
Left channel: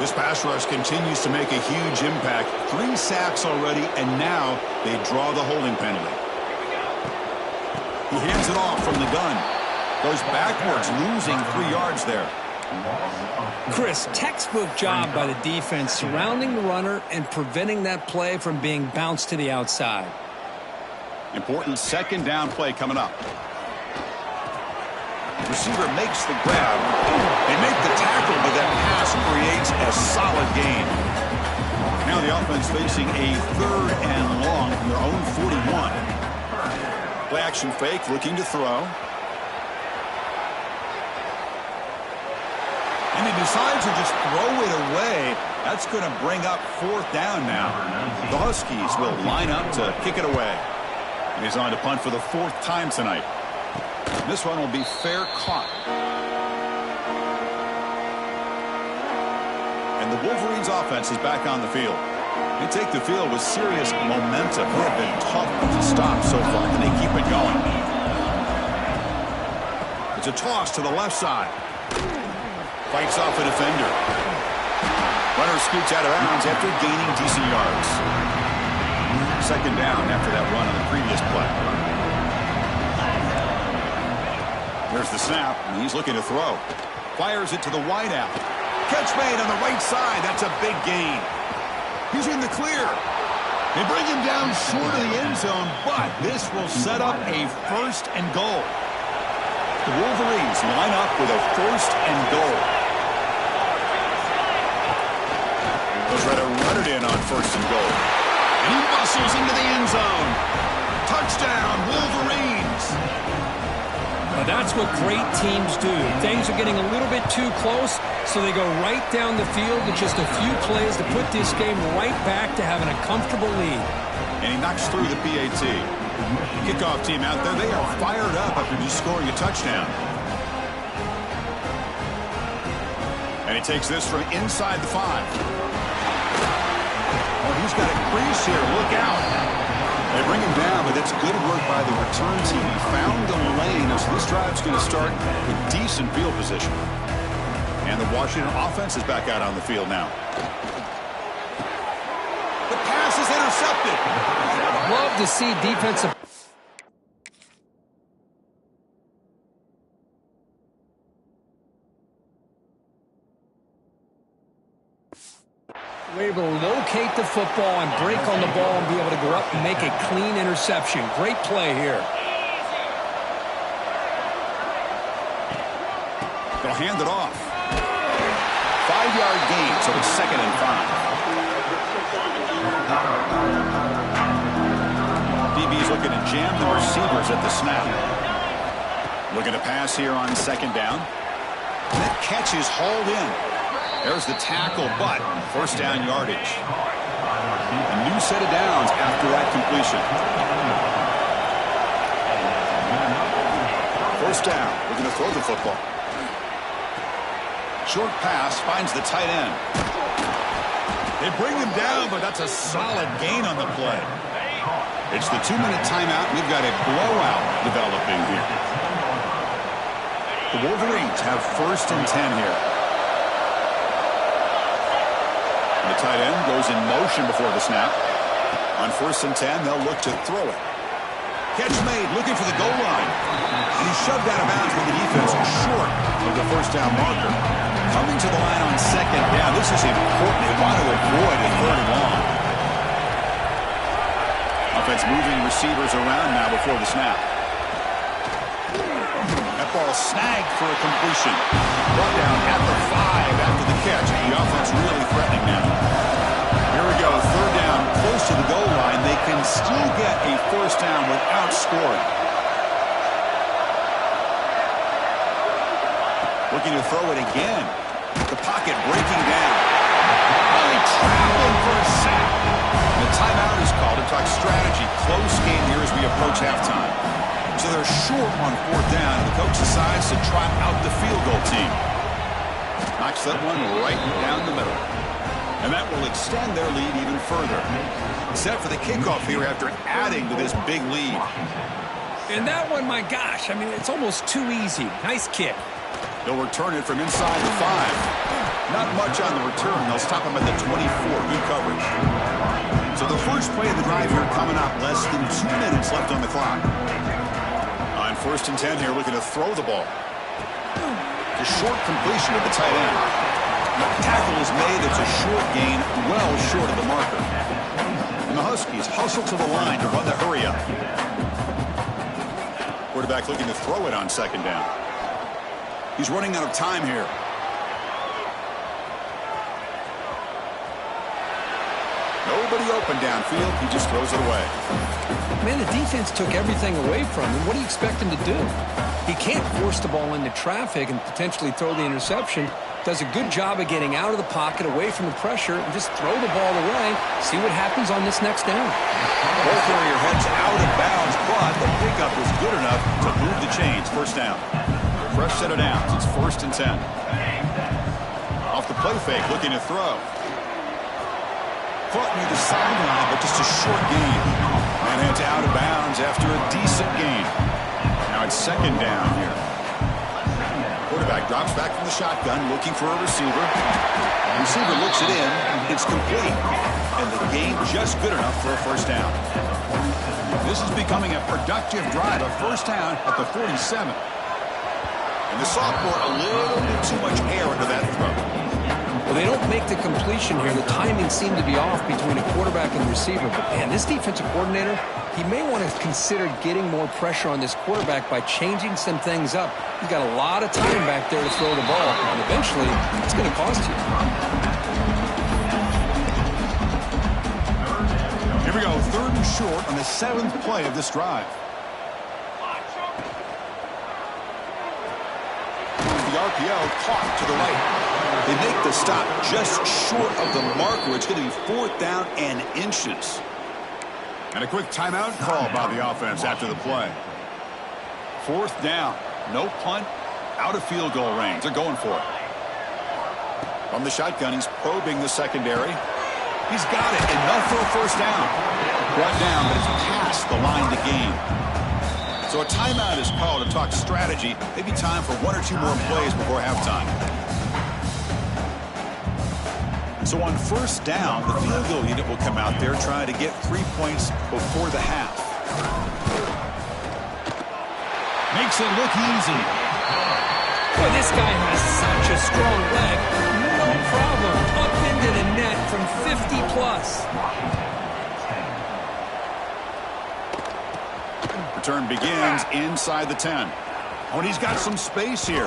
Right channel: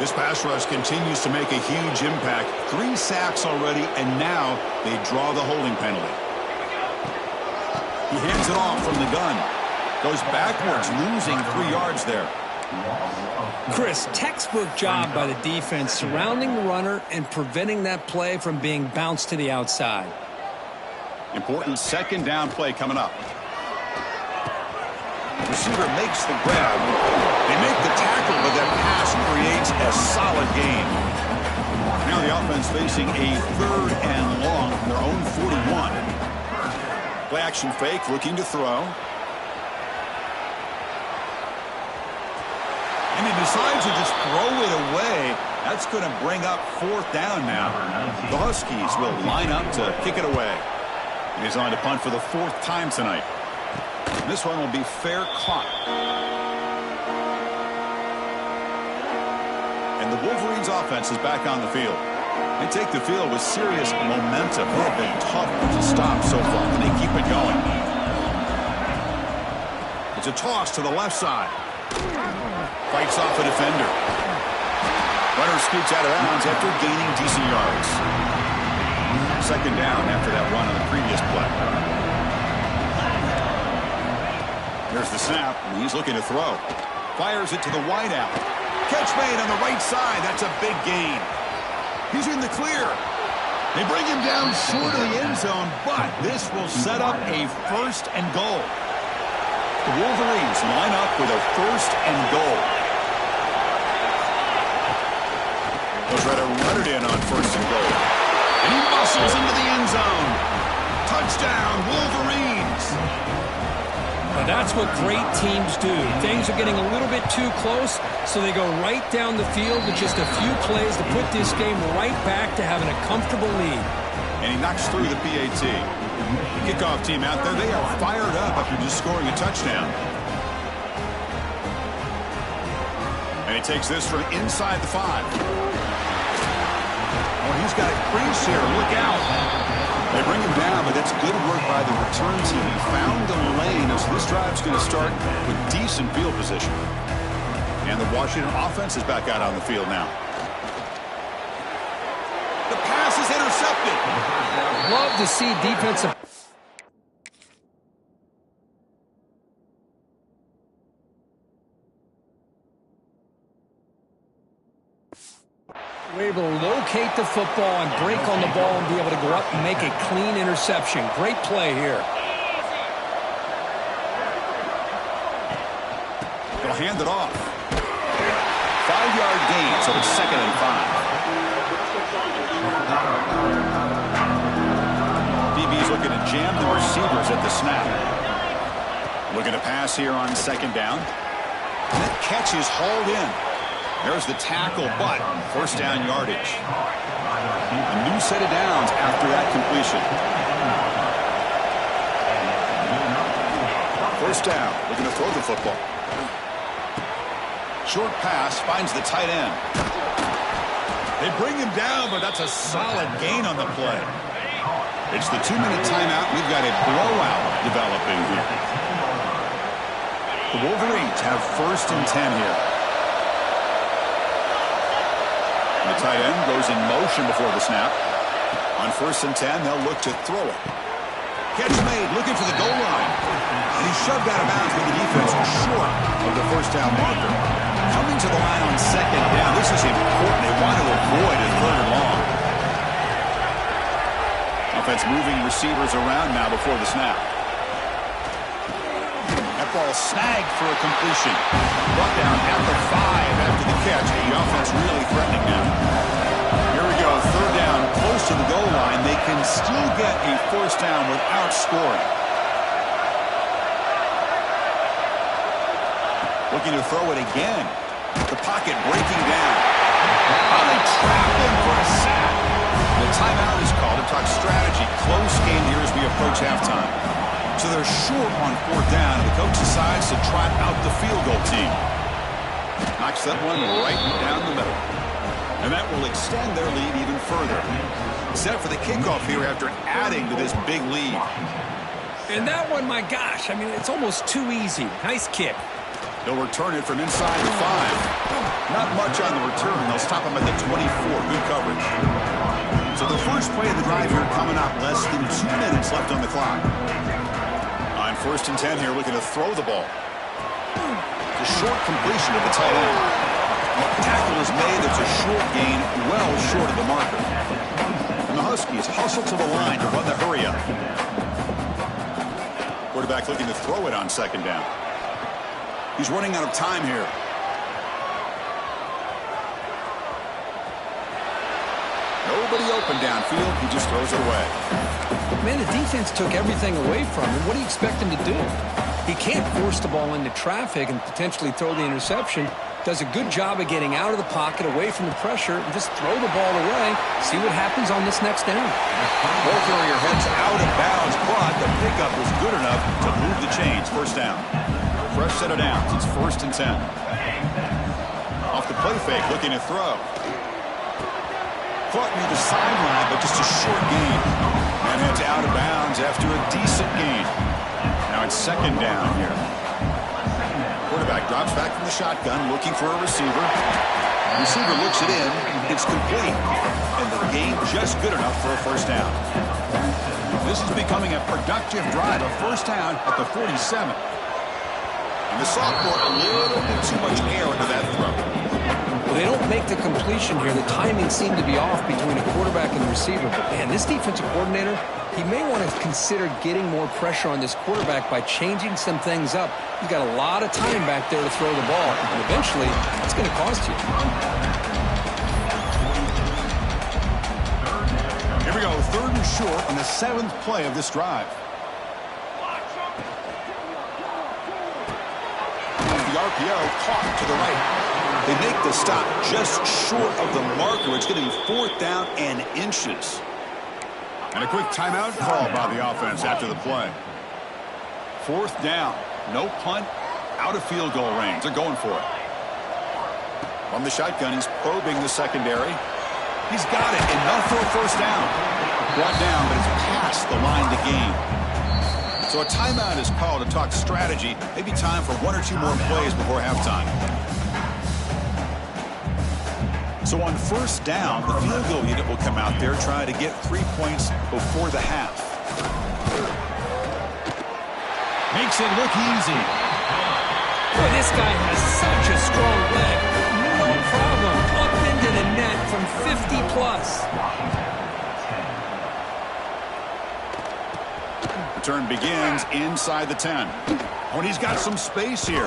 This pass rush continues to make a huge impact. 3 sacks already, and now they draw the holding penalty. He hands it off from the gun. Goes backwards, losing 3 yards there. Chris, textbook job by the defense surrounding the runner and preventing that play from being bounced to the outside. Important second down play coming up. Receiver makes the grab. They make the tackle, but that pass creates a solid gain. Now the offense facing a 3rd and long from their own 41. Play action fake, looking to throw. And he decides to just throw it away. That's going to bring up 4th down now. The Huskies will line up to kick it away. And he's on to punt for the 4th time tonight. This one will be fair caught. And the Wolverines offense is back on the field. They take the field with serious momentum. They have been tough to stop so far, and they keep it going. It's a toss to the left side. Fights off a defender. Runner scoots out of bounds after gaining decent yards. Second down after that run on the previous play. There's the snap, and he's looking to throw. Fires it to the wideout. Catch made on the right side. That's a big gain. He's in the clear. They bring him down short of the end zone, but this will set up a 1st and goal. The Wolverines line up with a 1st and goal. They'll try to run it in on 1st and goal. And he muscles into the end zone. Touchdown, Wolverines. Well, that's what great teams do. Things are getting a little bit too close, so they go right down the field with just a few plays to put this game right back to having a comfortable lead. And he knocks through the PAT. The kickoff team out there, they are fired up after just scoring a touchdown. And he takes this from inside the 5. Oh, he's got a crease here. Look out. They bring him down, but that's good work by the return team. He found the lane, so this drive's going to start with decent field position. And the Washington offense is back out on the field now. The pass is intercepted. Love to see defensive. We're able to locate the football and break on the ball and be able to go up and make a clean interception. Great play here. They'll hand it off. 5-yard gain, so it's 2nd and 5. DB's looking to jam the receivers at the snap. Looking to pass here on 2nd down. And that catch is hauled in. There's the tackle, but 1st down yardage. A new set of downs after that completion. 1st down, looking to throw the football. Short pass finds the tight end. They bring him down, but that's a solid gain on the play. It's the 2-minute timeout. We've got a blowout developing here. The Wolverines have 1st and 10 here. The tight end goes in motion before the snap. On 1st and 10, they'll look to throw it. Catch made, looking for the goal line. And he's shoved out of bounds with the defense short of the 1st down marker. Coming to the line on 2nd down. This is important. They want to avoid a 3rd and long. Offense moving receivers around now before the snap. That football snagged for a completion. Brought down at the 5 after the catch. The offense really threatening now. Here we go, third down, close to the goal line. They can still get a first down without scoring. Looking to throw it again. The pocket breaking down. Oh, they trap him for a sack. And a timeout is called to talk strategy. Close game here as we approach halftime. So they're short on fourth down, and the coach decides to trot out the field goal team. Knocks that one right down the middle. And that will extend their lead even further. Set for the kickoff here after adding to this big lead. And that one, my gosh, I mean, it's almost too easy. Nice kick. They'll return it from inside the 5. Not much on the return. They'll stop him at the 24. Good coverage. So the first play of the drive here coming up. Less than 2 minutes left on the clock. On 1st and 10 here, looking to throw the ball. It's a short completion of the tight end. The tackle is made. It's a short gain, well short of the marker. And the Huskies hustle to the line to run the hurry up. Quarterback looking to throw it on 2nd down. He's running out of time here. Nobody open downfield. He just throws it away. Man, the defense took everything away from him. What do you expect him to do? He can't force the ball into traffic and potentially throw the interception. Does a good job of getting out of the pocket, away from the pressure, and just throw the ball away. See what happens on this next down. Ball carrier heads out of bounds, but the pickup was good enough to move the chains. First down. Fresh set of downs. It's 1st and 10. Off the play fake, looking to throw. Caught near the sideline, but just a short gain. Man heads out of bounds after a decent gain. Now it's 2nd down here. Quarterback drops back from the shotgun, looking for a receiver. Receiver looks it in. It's complete. And the gain just good enough for a first down. This is becoming a productive drive. A first down at the 47. And the sophomore a little bit too much air into that throw. Well, they don't make the completion here. The timing seemed to be off between a quarterback and the receiver. But, man, this defensive coordinator, he may want to consider getting more pressure on this quarterback by changing some things up. He's got a lot of time back there to throw the ball. And eventually, it's going to cost you. Here we go, 3rd and short on the 7th play of this drive. The RPO caught to the right. They make the stop just short of the marker. It's going to be 4th down and inches. And a quick timeout call by the offense after the play. 4th down. No punt. Out of field goal range. They're going for it. From the shotgun, he's probing the secondary. He's got it. Enough for a first down. Brought down, but it's past the line to gain. So a timeout is called to talk strategy. Maybe time for 1 or 2 more plays before halftime. So on 1st down, the field goal unit will come out there trying to get 3 points before the half. Makes it look easy. Boy, this guy has such a strong leg. No problem. Up into the net from 50 plus. Return begins inside the 10. Oh, and he's got some space here.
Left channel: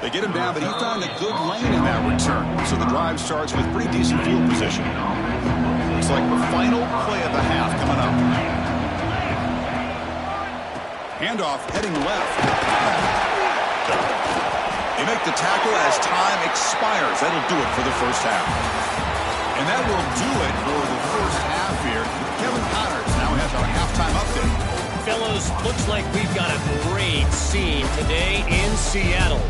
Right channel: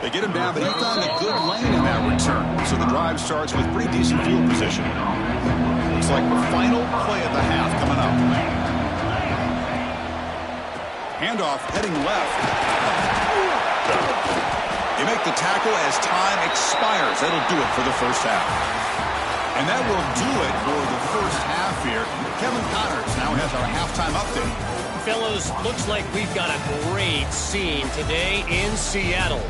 They get him down, but he found a good lane in that return. So the drive starts with pretty decent field position. Looks like the final play of the half coming up. Handoff heading left. They make the tackle as time expires. That'll do it for the first half. And that will do it for the first half here. Kevin Connors now has our halftime update. Fellows, looks like we've got a great scene today in Seattle.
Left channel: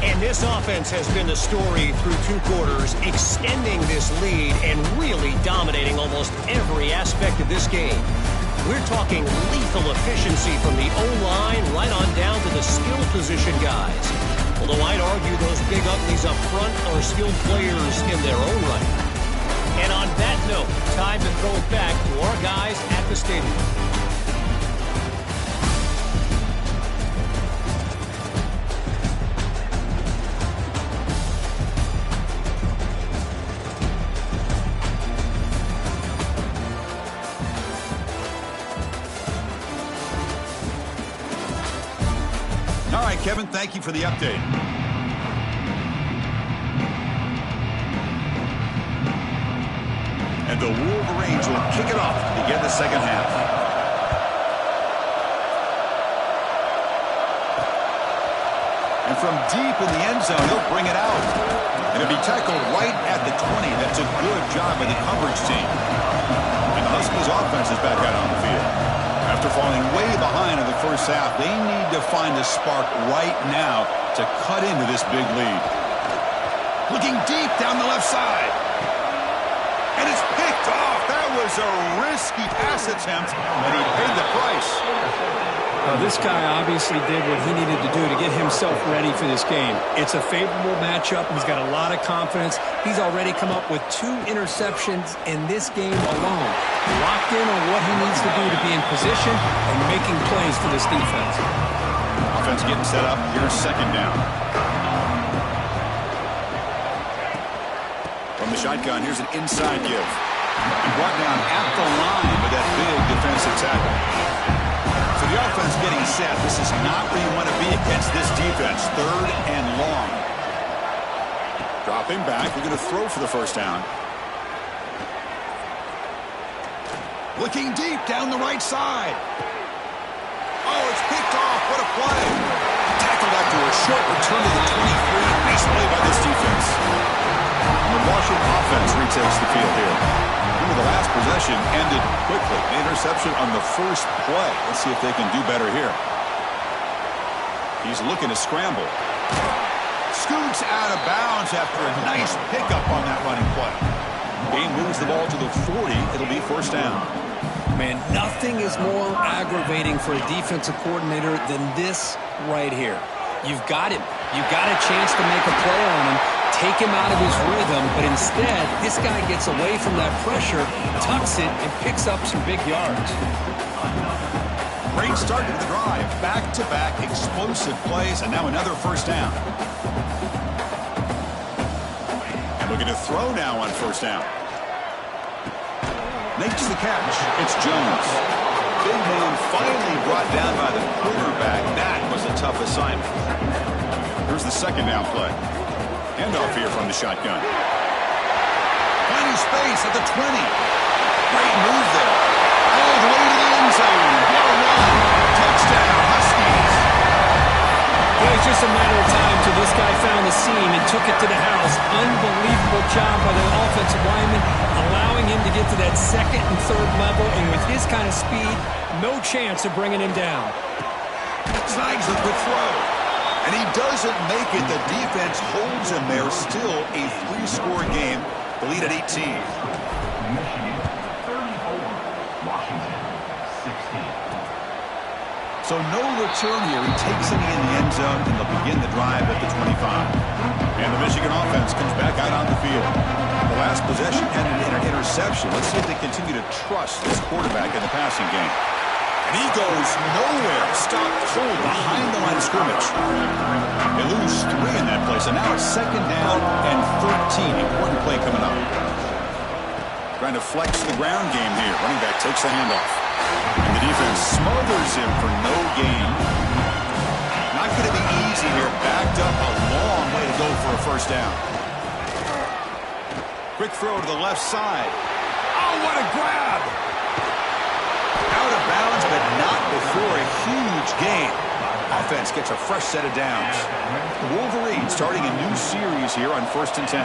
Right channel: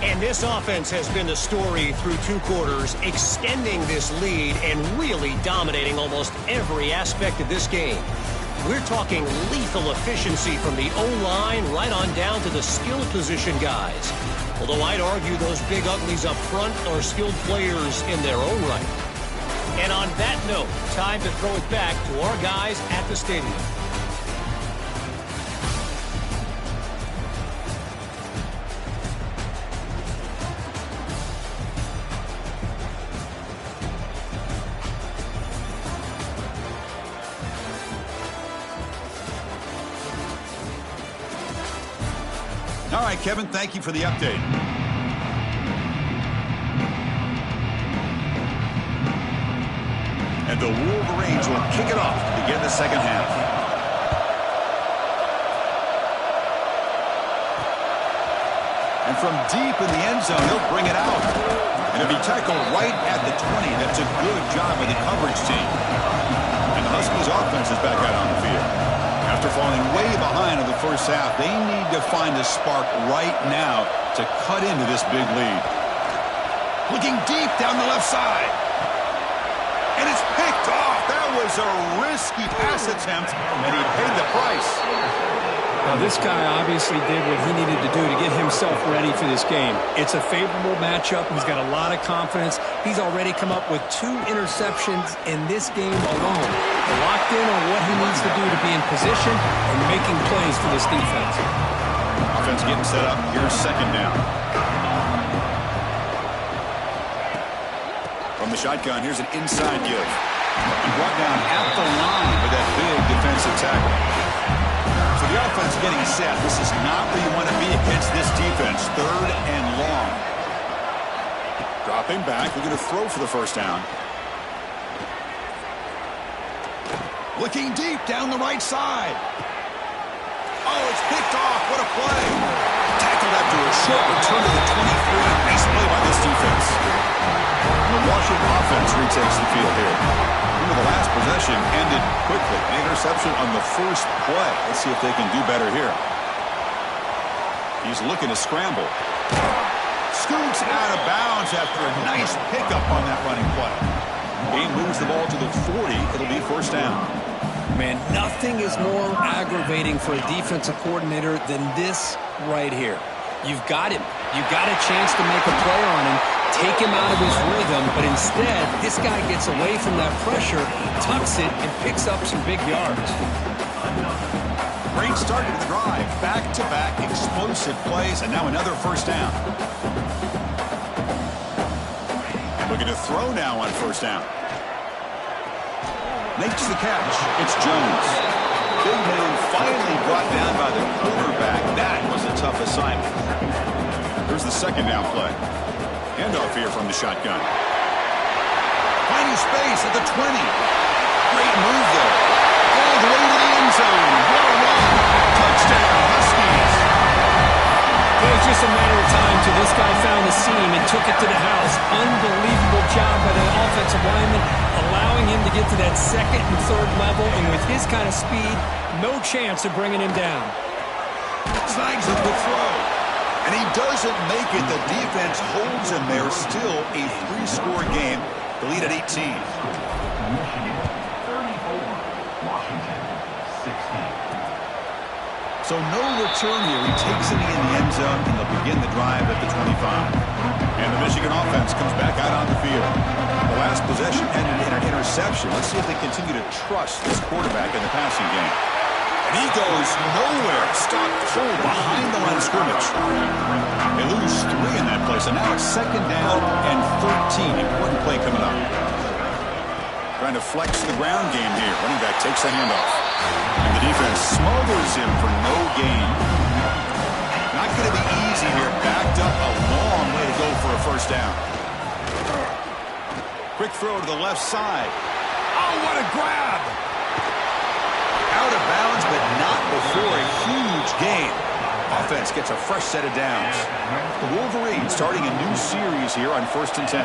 And this offense has been the story through 2 quarters, extending this lead and really dominating almost every aspect of this game. We're talking lethal efficiency from the O-line right on down to the skill position guys. Although I'd argue those big uglies up front are skilled players in their own right. And on that note, time to throw it back to our guys at the stadium. right, Kevin, thank you for the update. And the Wolverines will kick it off to begin the second half. And from deep in the end zone, he'll bring it out. And it'll be tackled right at the 20. That's a good job by the coverage team. And the Huskies offense is back out on the field. After falling way behind in the first half, they need to find a spark right now to cut into this big lead. Looking deep down the left side. And it's picked off. That was a risky pass attempt, and he paid the price. Now, this guy obviously did what he needed to do to get himself ready for this game. It's a favorable matchup. He's got a lot of confidence. He's already come up with 2 interceptions in this game alone. Locked in on what he needs to do to be in position and making plays for this defense. Offense getting set up. Here's second down. From the shotgun, here's an inside give. And brought down at the line with that big defensive tackle. So the offense getting set. This is not where you want to be against this defense. 3rd and long. Dropping back. We're going to throw for the first down. Looking deep down the right side. Oh, it's picked off. What a play. Tackled after a short return to the 23. Nice play by this defense. And the Washington offense retakes the field here. The last possession ended quickly. An interception on the first play. Let's see if they can do better here. He's looking to scramble. Scoots out of bounds after a nice pickup on that running play. Game moves the ball to the 40. It'll be first down. Man, nothing is more aggravating for a defensive coordinator than this right here. You've got him. You've got a chance to make a play on him, take him out of his rhythm, but instead, this guy gets away from that pressure, tucks it, and picks up some big yards. Great start to the drive. Back-to-back explosive plays, and now another first down. And looking to throw now on first down. Makes the catch. It's Jones. Big man finally brought down by the quarterback. That was a tough assignment. Here's the second down play. Handoff here from the shotgun. Finding space at the 20. Great move there. All the way to the end zone. What a run. Touchdown, Huskies. It was just a matter of time till this guy found the seam and took it to the house. Unbelievable job by the offensive lineman, allowing him to get to that 2nd and 3rd level, and with his kind of speed, no chance of bringing him down. Snags a quick throw. And he doesn't make it. The defense holds him there. Still a 3-score game. The lead at 18. Michigan 34, Washington 16. So no return here. He takes it in the end zone, and they'll begin the drive at the 25. And the Michigan offense comes back out on the field. The last possession ended in an interception. Let's see if they continue to trust this quarterback in the passing game. And he goes nowhere. Stopped cold behind the line of scrimmage. They lose 3 in that play. So now it's 2nd down and 13. Important play coming up. Trying to flex the ground game here. Running back takes the handoff. And the defense smothers him for no gain. Not going to be easy here. Backed up a long way to go for a first down. Quick throw to the left side. Oh, what a grab! Out of bounds, but not before a huge gain. Offense gets a fresh set of downs. The Wolverines starting a new series here on 1st and 10.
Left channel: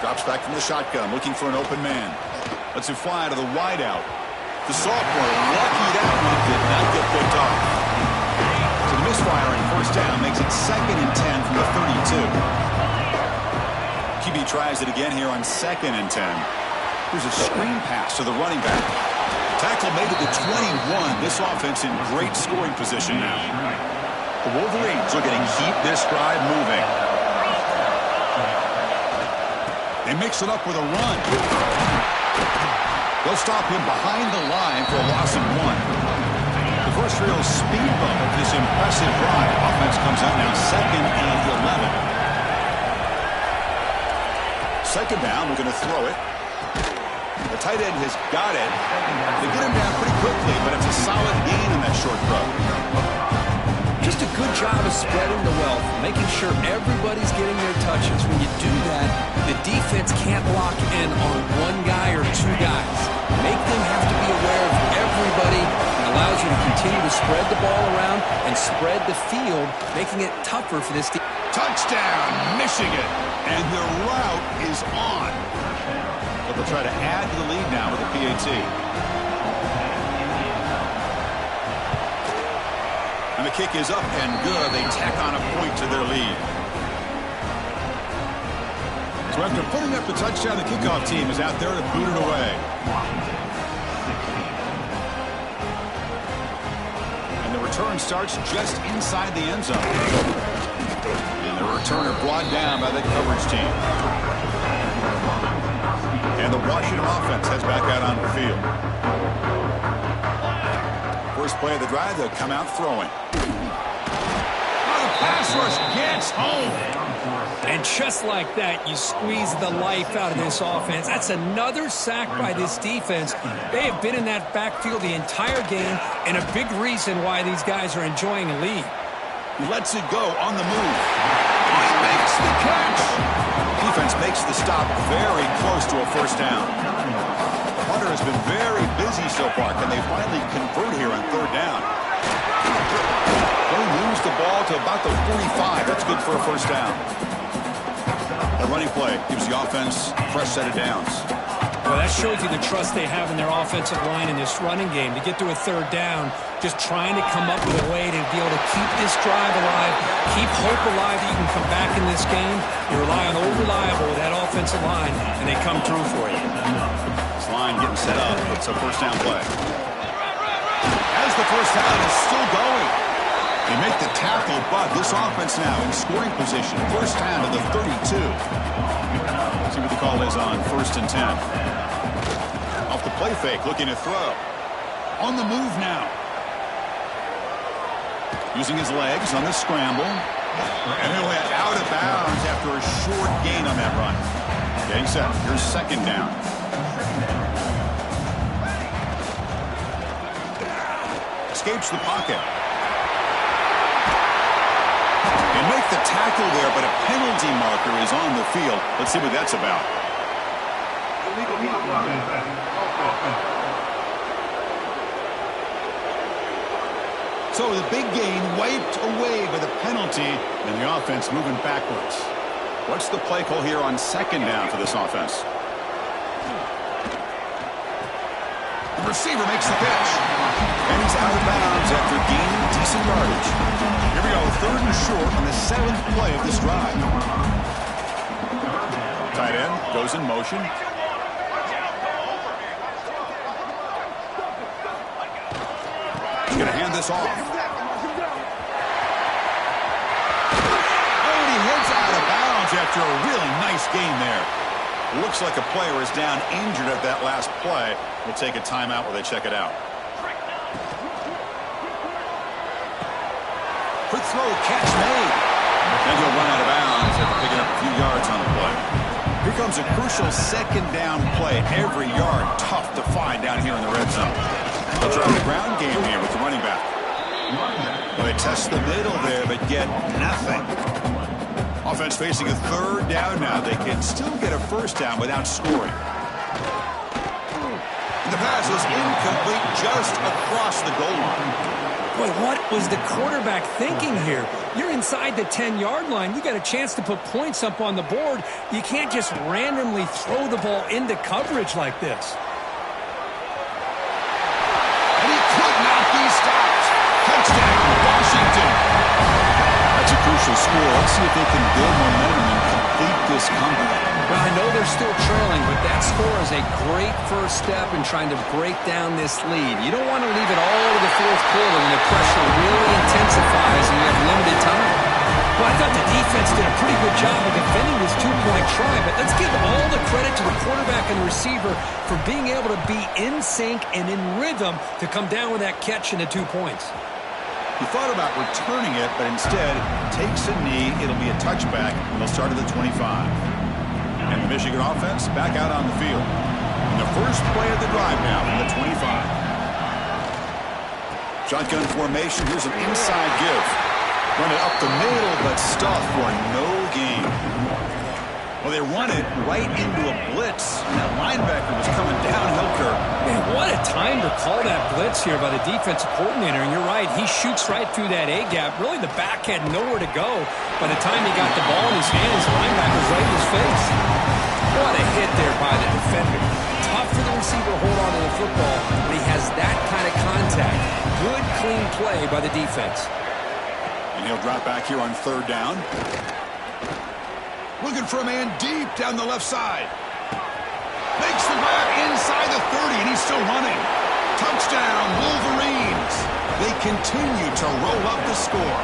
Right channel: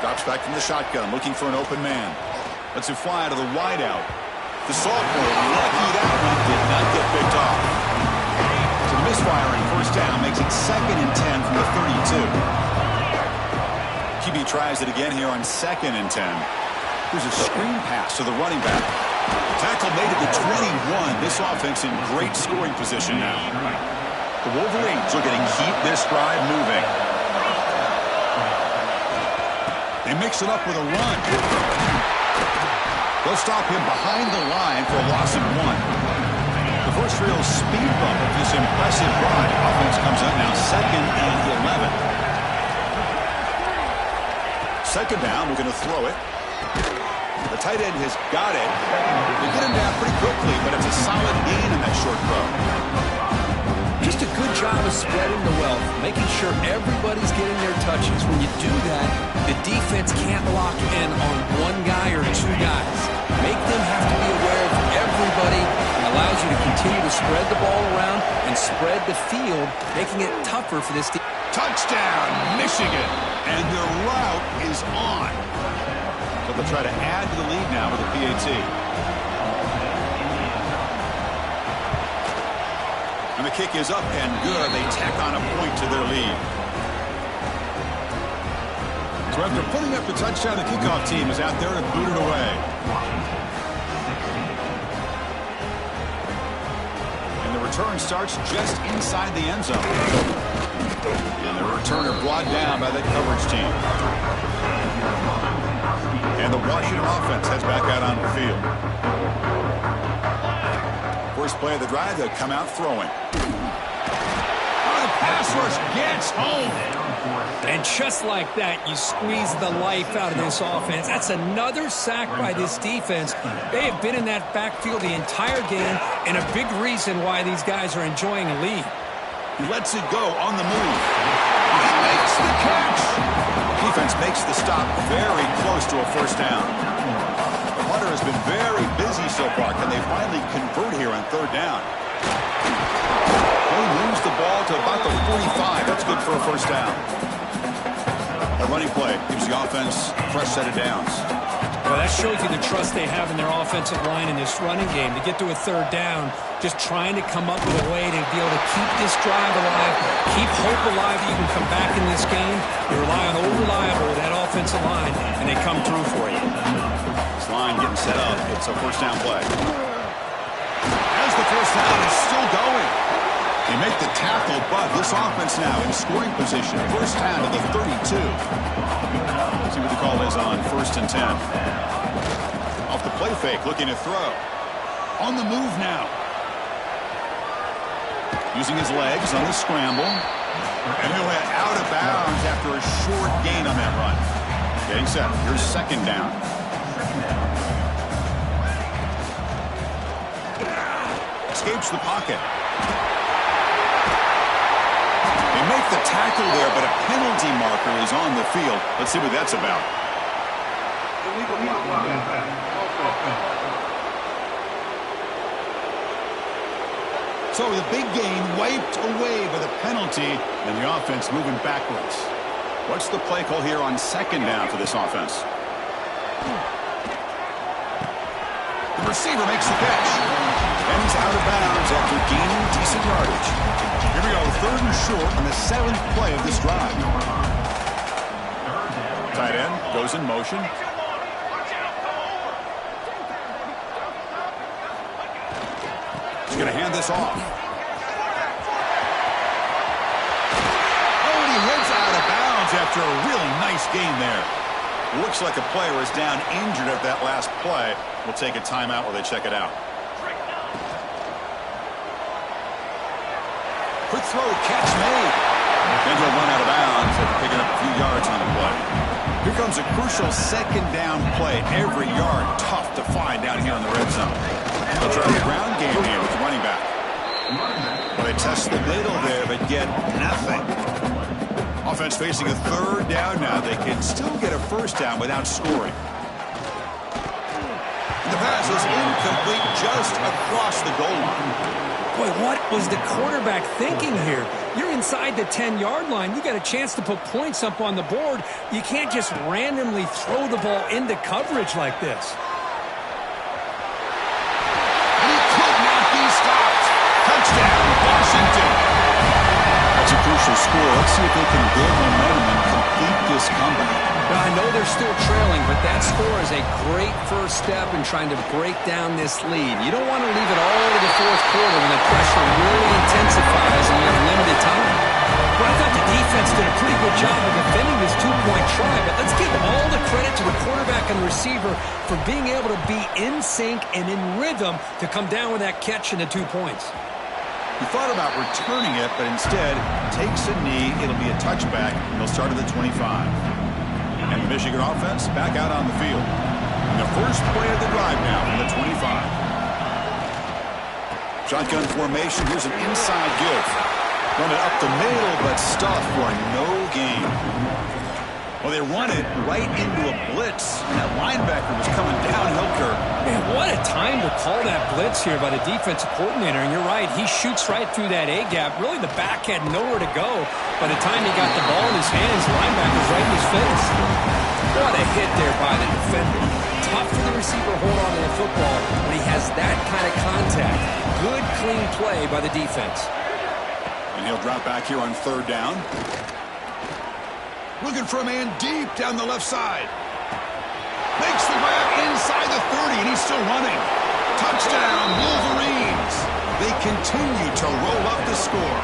Drops back from the shotgun, looking for an open man. Lets it fly to the wideout. The sophomore, lucky that one did not get picked off. So the misfire on first down makes it 2nd and 10 from the 32. QB tries it again here on 2nd and 10. Here's a screen pass to the running back. Tackle made it to 21. This offense in great scoring position now. The Wolverines looking to keep this drive moving. They mix it up with a run. They'll stop him behind the line for a loss of 1. The first real speed bump of this impressive drive. Offense comes up now 2nd and 11. 2nd down, we're going to throw it. The tight end has got it. They get him down pretty quickly, but it's a solid gain on that short throw. Just a good job of spreading the wealth, making sure everybody's getting their touches. When you do that, the defense can't lock in on one guy or two guys. Make them have to be aware of everybody and allows you to continue to spread the ball around and spread the field, making it tougher for this team. Touchdown, Michigan. And their route is on. So they'll try to add to the lead now with a PAT. And the kick is up and good. They tack on a point to their lead. So after putting up the touchdown, the kickoff team is out there to boot it away. And the return starts just inside the end zone. And the returner brought down by the coverage team. And the Washington offense heads back out on the field. First play of the drive, they'll come out throwing. Oh, the pass rush gets home. And just like that, you squeeze the life out of this offense. That's another sack by this defense. They have been in that backfield the entire game, and a big reason why these guys are enjoying a lead. He lets it go on the move. Oh, he makes the catch. Defense makes the stop very close to a first down. The punter has been very busy so far. Can they finally convert here on third down? They lose the ball to about the 45. That's good for a first down. A running play gives the offense a fresh set of downs. Well, that shows you the trust they have in their offensive line in this running game. To get to a third down, just trying to come up with a way to be able to keep this drive alive, keep hope alive that you can come back in this game. You rely on Reliable with that offensive line, and they come through for you. This line getting set up. It's a first down play. As the first down is still going. They make the tackle, but this offense now in scoring position. First down to the 32. See what the call is on 1st and 10. Off the play fake, looking to throw. On the move now. Using his legs on the scramble. And he'll head out of bounds after a short gain on that run. Getting set. Here's second down. Escapes the pocket. They make the tackle there, but a penalty marker is on the field. Let's see what that's about. So the big gain wiped away by the penalty, and the offense moving backwards. What's the play call here on second down for this offense? The receiver makes the catch. And he's out of bounds after gaining decent yardage. Here we go, 3rd and short on the 7th play of this drive. Tight end goes in motion. He's going to hand this off. Oh, and he heads out of bounds after a really nice gain there. Looks like a player is down injured at that last play. We'll take a timeout while they check it out. Quick throw, catch made. Then he'll run out of bounds after picking up a few yards on the play. Here comes a crucial second down play. Every yard tough to find down here in the red zone. They'll try the ground game here with the running back. Well, they test the middle there, but get nothing. Offense facing a third down now. They can still get a first down without scoring. The pass is incomplete just across the goal line. Boy, what was the quarterback thinking here? You're inside the 10-yard line. You got a chance to put points up on the board. You can't just randomly throw the ball into coverage like this. And he could not be stopped. Touchdown, Washington. That's a crucial score. Let's see if they can build momentum and complete this comeback. Well, I know they're still trailing, but that score is a great first step in trying to break down this lead. You don't want to leave it all to the fourth quarter when the pressure really intensifies and you have limited time. Well, I thought the defense did a pretty good job of defending this two-point try, but let's give all the credit to the quarterback and the receiver for being able to be in sync and in rhythm to come down with that catch and the 2 points. He thought about returning it, but instead takes a knee. It'll be a touchback, and they'll start at the 25. And the Michigan offense back out on the field. And the first play of the drive now from the 25. Shotgun formation. Here's an inside give. Run it up the middle, but stuff for no gain. Well, they run it right into a blitz. And that linebacker was coming downhill, Kirk. Man, what a time to call that blitz here by the defensive coordinator. And you're right, he shoots right through that A-gap. Really, the back had nowhere to go. By the time he got the ball in his hands, the linebacker's right in his face. What a hit there by the defender. Tough for the receiver to hold on to the football when he has that kind of contact. Good, clean play by the defense. And he'll drop back here on third down. Looking for a man deep down the left side. Makes the grab inside the 30, and he's still running. Touchdown, Wolverines. They continue to roll up the score.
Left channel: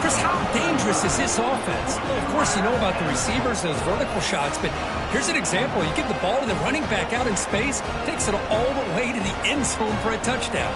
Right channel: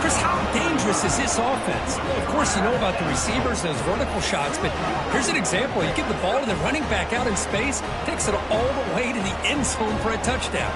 Chris, how dangerous is this offense? Well, of course, you know about the receivers, those vertical shots, but here's an example. You give the ball to the running back out in space, takes it all the way to the end zone for a touchdown.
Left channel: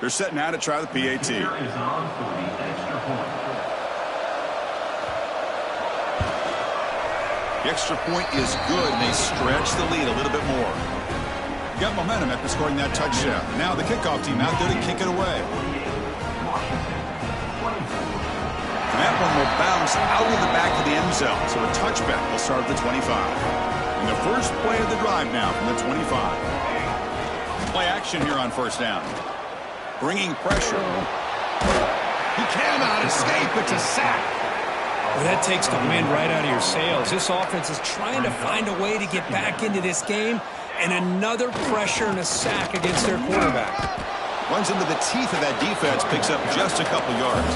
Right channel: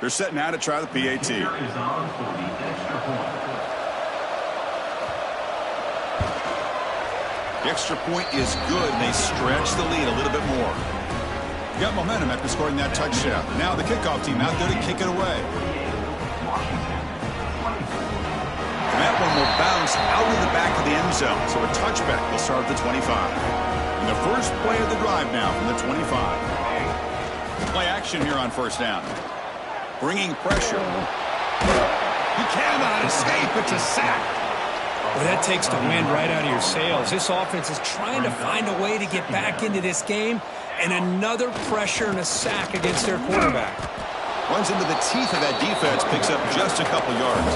They're setting out to try the PAT. Here is on for the extra point. The extra point is good, and they stretch the lead a little bit more. Got momentum after scoring that touchdown. Now the kickoff team out there to kick it away. Washington, 24. And that one will bounce out of the back of the end zone, so a touchback will start at the 25. And the first play of the drive now from the 25. Play action here on first down. Bringing pressure. He cannot escape. It's a sack. Well, that takes the wind right out of your sails. This offense is trying to find a way to get back into this game, and another pressure and a sack against their quarterback. Runs into the teeth of that defense, picks up just a couple yards.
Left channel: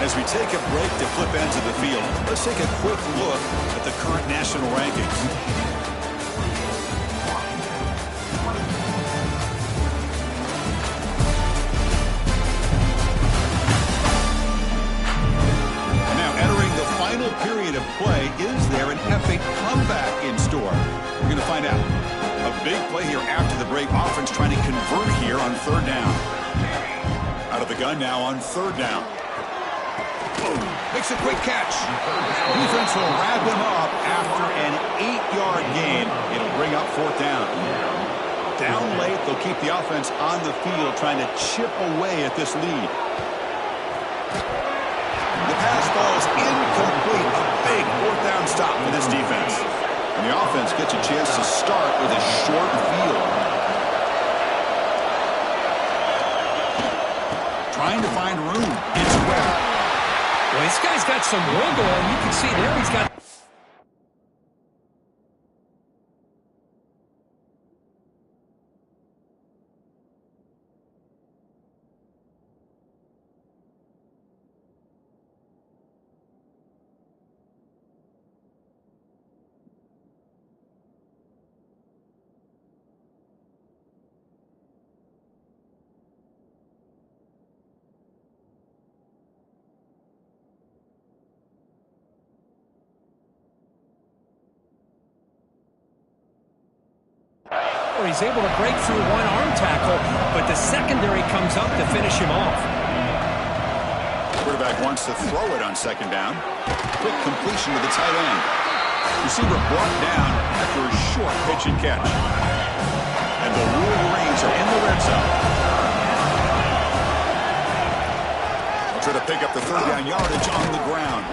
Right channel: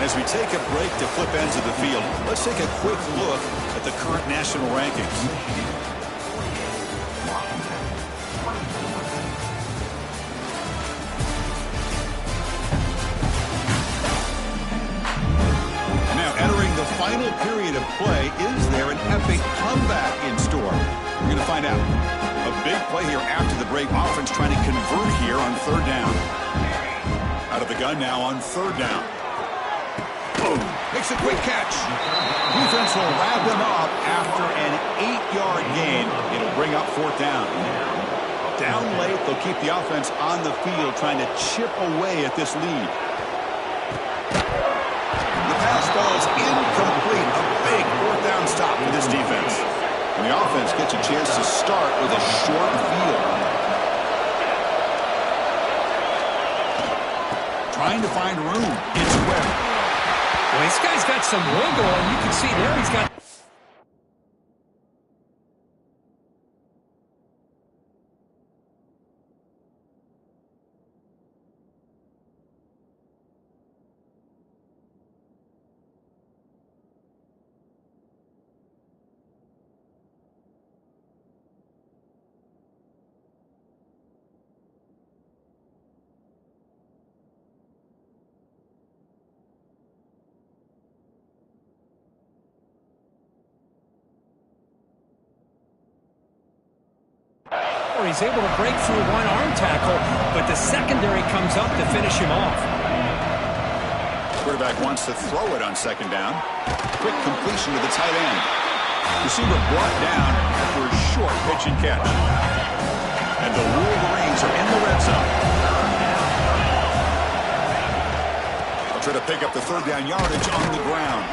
As we take a break to flip ends of the field, let's take a quick look at the current national rankings. Final period of play. Is there an epic comeback in store? We're going to find out. A big play here after the break. Offense trying to convert here on third down. Out of the gun now on third down. Boom. Makes a quick catch. Defense will wrap him up after an 8-yard gain. It'll bring up fourth down. Down late, they'll keep the offense on the field trying to chip away at this lead. The pass ball's incomplete. A big fourth down stop for this defense. And the offense gets a chance to start with a short field. Trying to find room. It's Webb. Well, this guy's got some wiggle, and you can see there he's got... Or he's able to break through one arm tackle, but the secondary comes up to finish him off. Quarterback wants to throw it on second down. Quick completion to the tight end. Receiver brought down after a short pitch and catch. And the Wolverines are in the red zone. They'll try to pick up the third down yardage on the ground.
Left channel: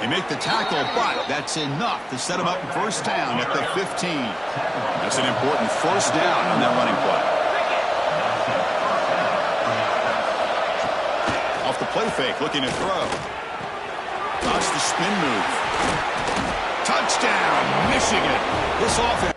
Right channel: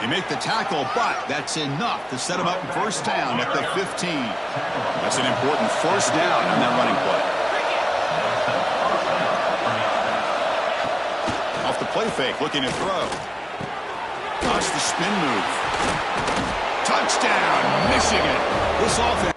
They make the tackle, but that's enough to set them up in first down at the 15. That's an important first down on that running play. Off the play fake, looking to throw. Watch the spin move. Touchdown, Michigan. This offense.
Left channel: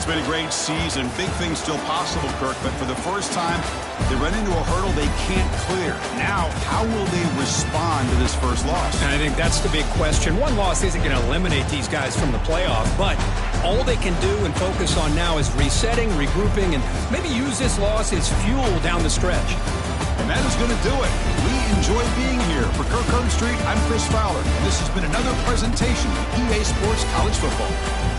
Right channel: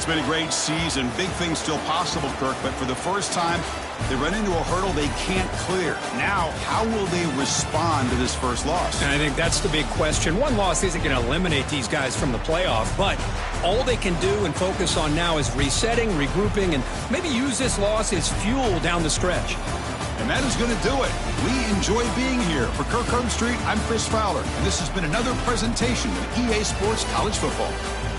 it's been a great season. Big things still possible, Kirk, but for the first time, they run into a hurdle they can't clear. Now, how will they respond to this first loss? And I think that's the big question. One loss isn't going to eliminate these guys from the playoff, but all they can do and focus on now is resetting, regrouping, and maybe use this loss as fuel down the stretch. And that is going to do it. We enjoy being here. For Kirk Herbstreit, I'm Chris Fowler, and this has been another presentation of EA Sports College Football.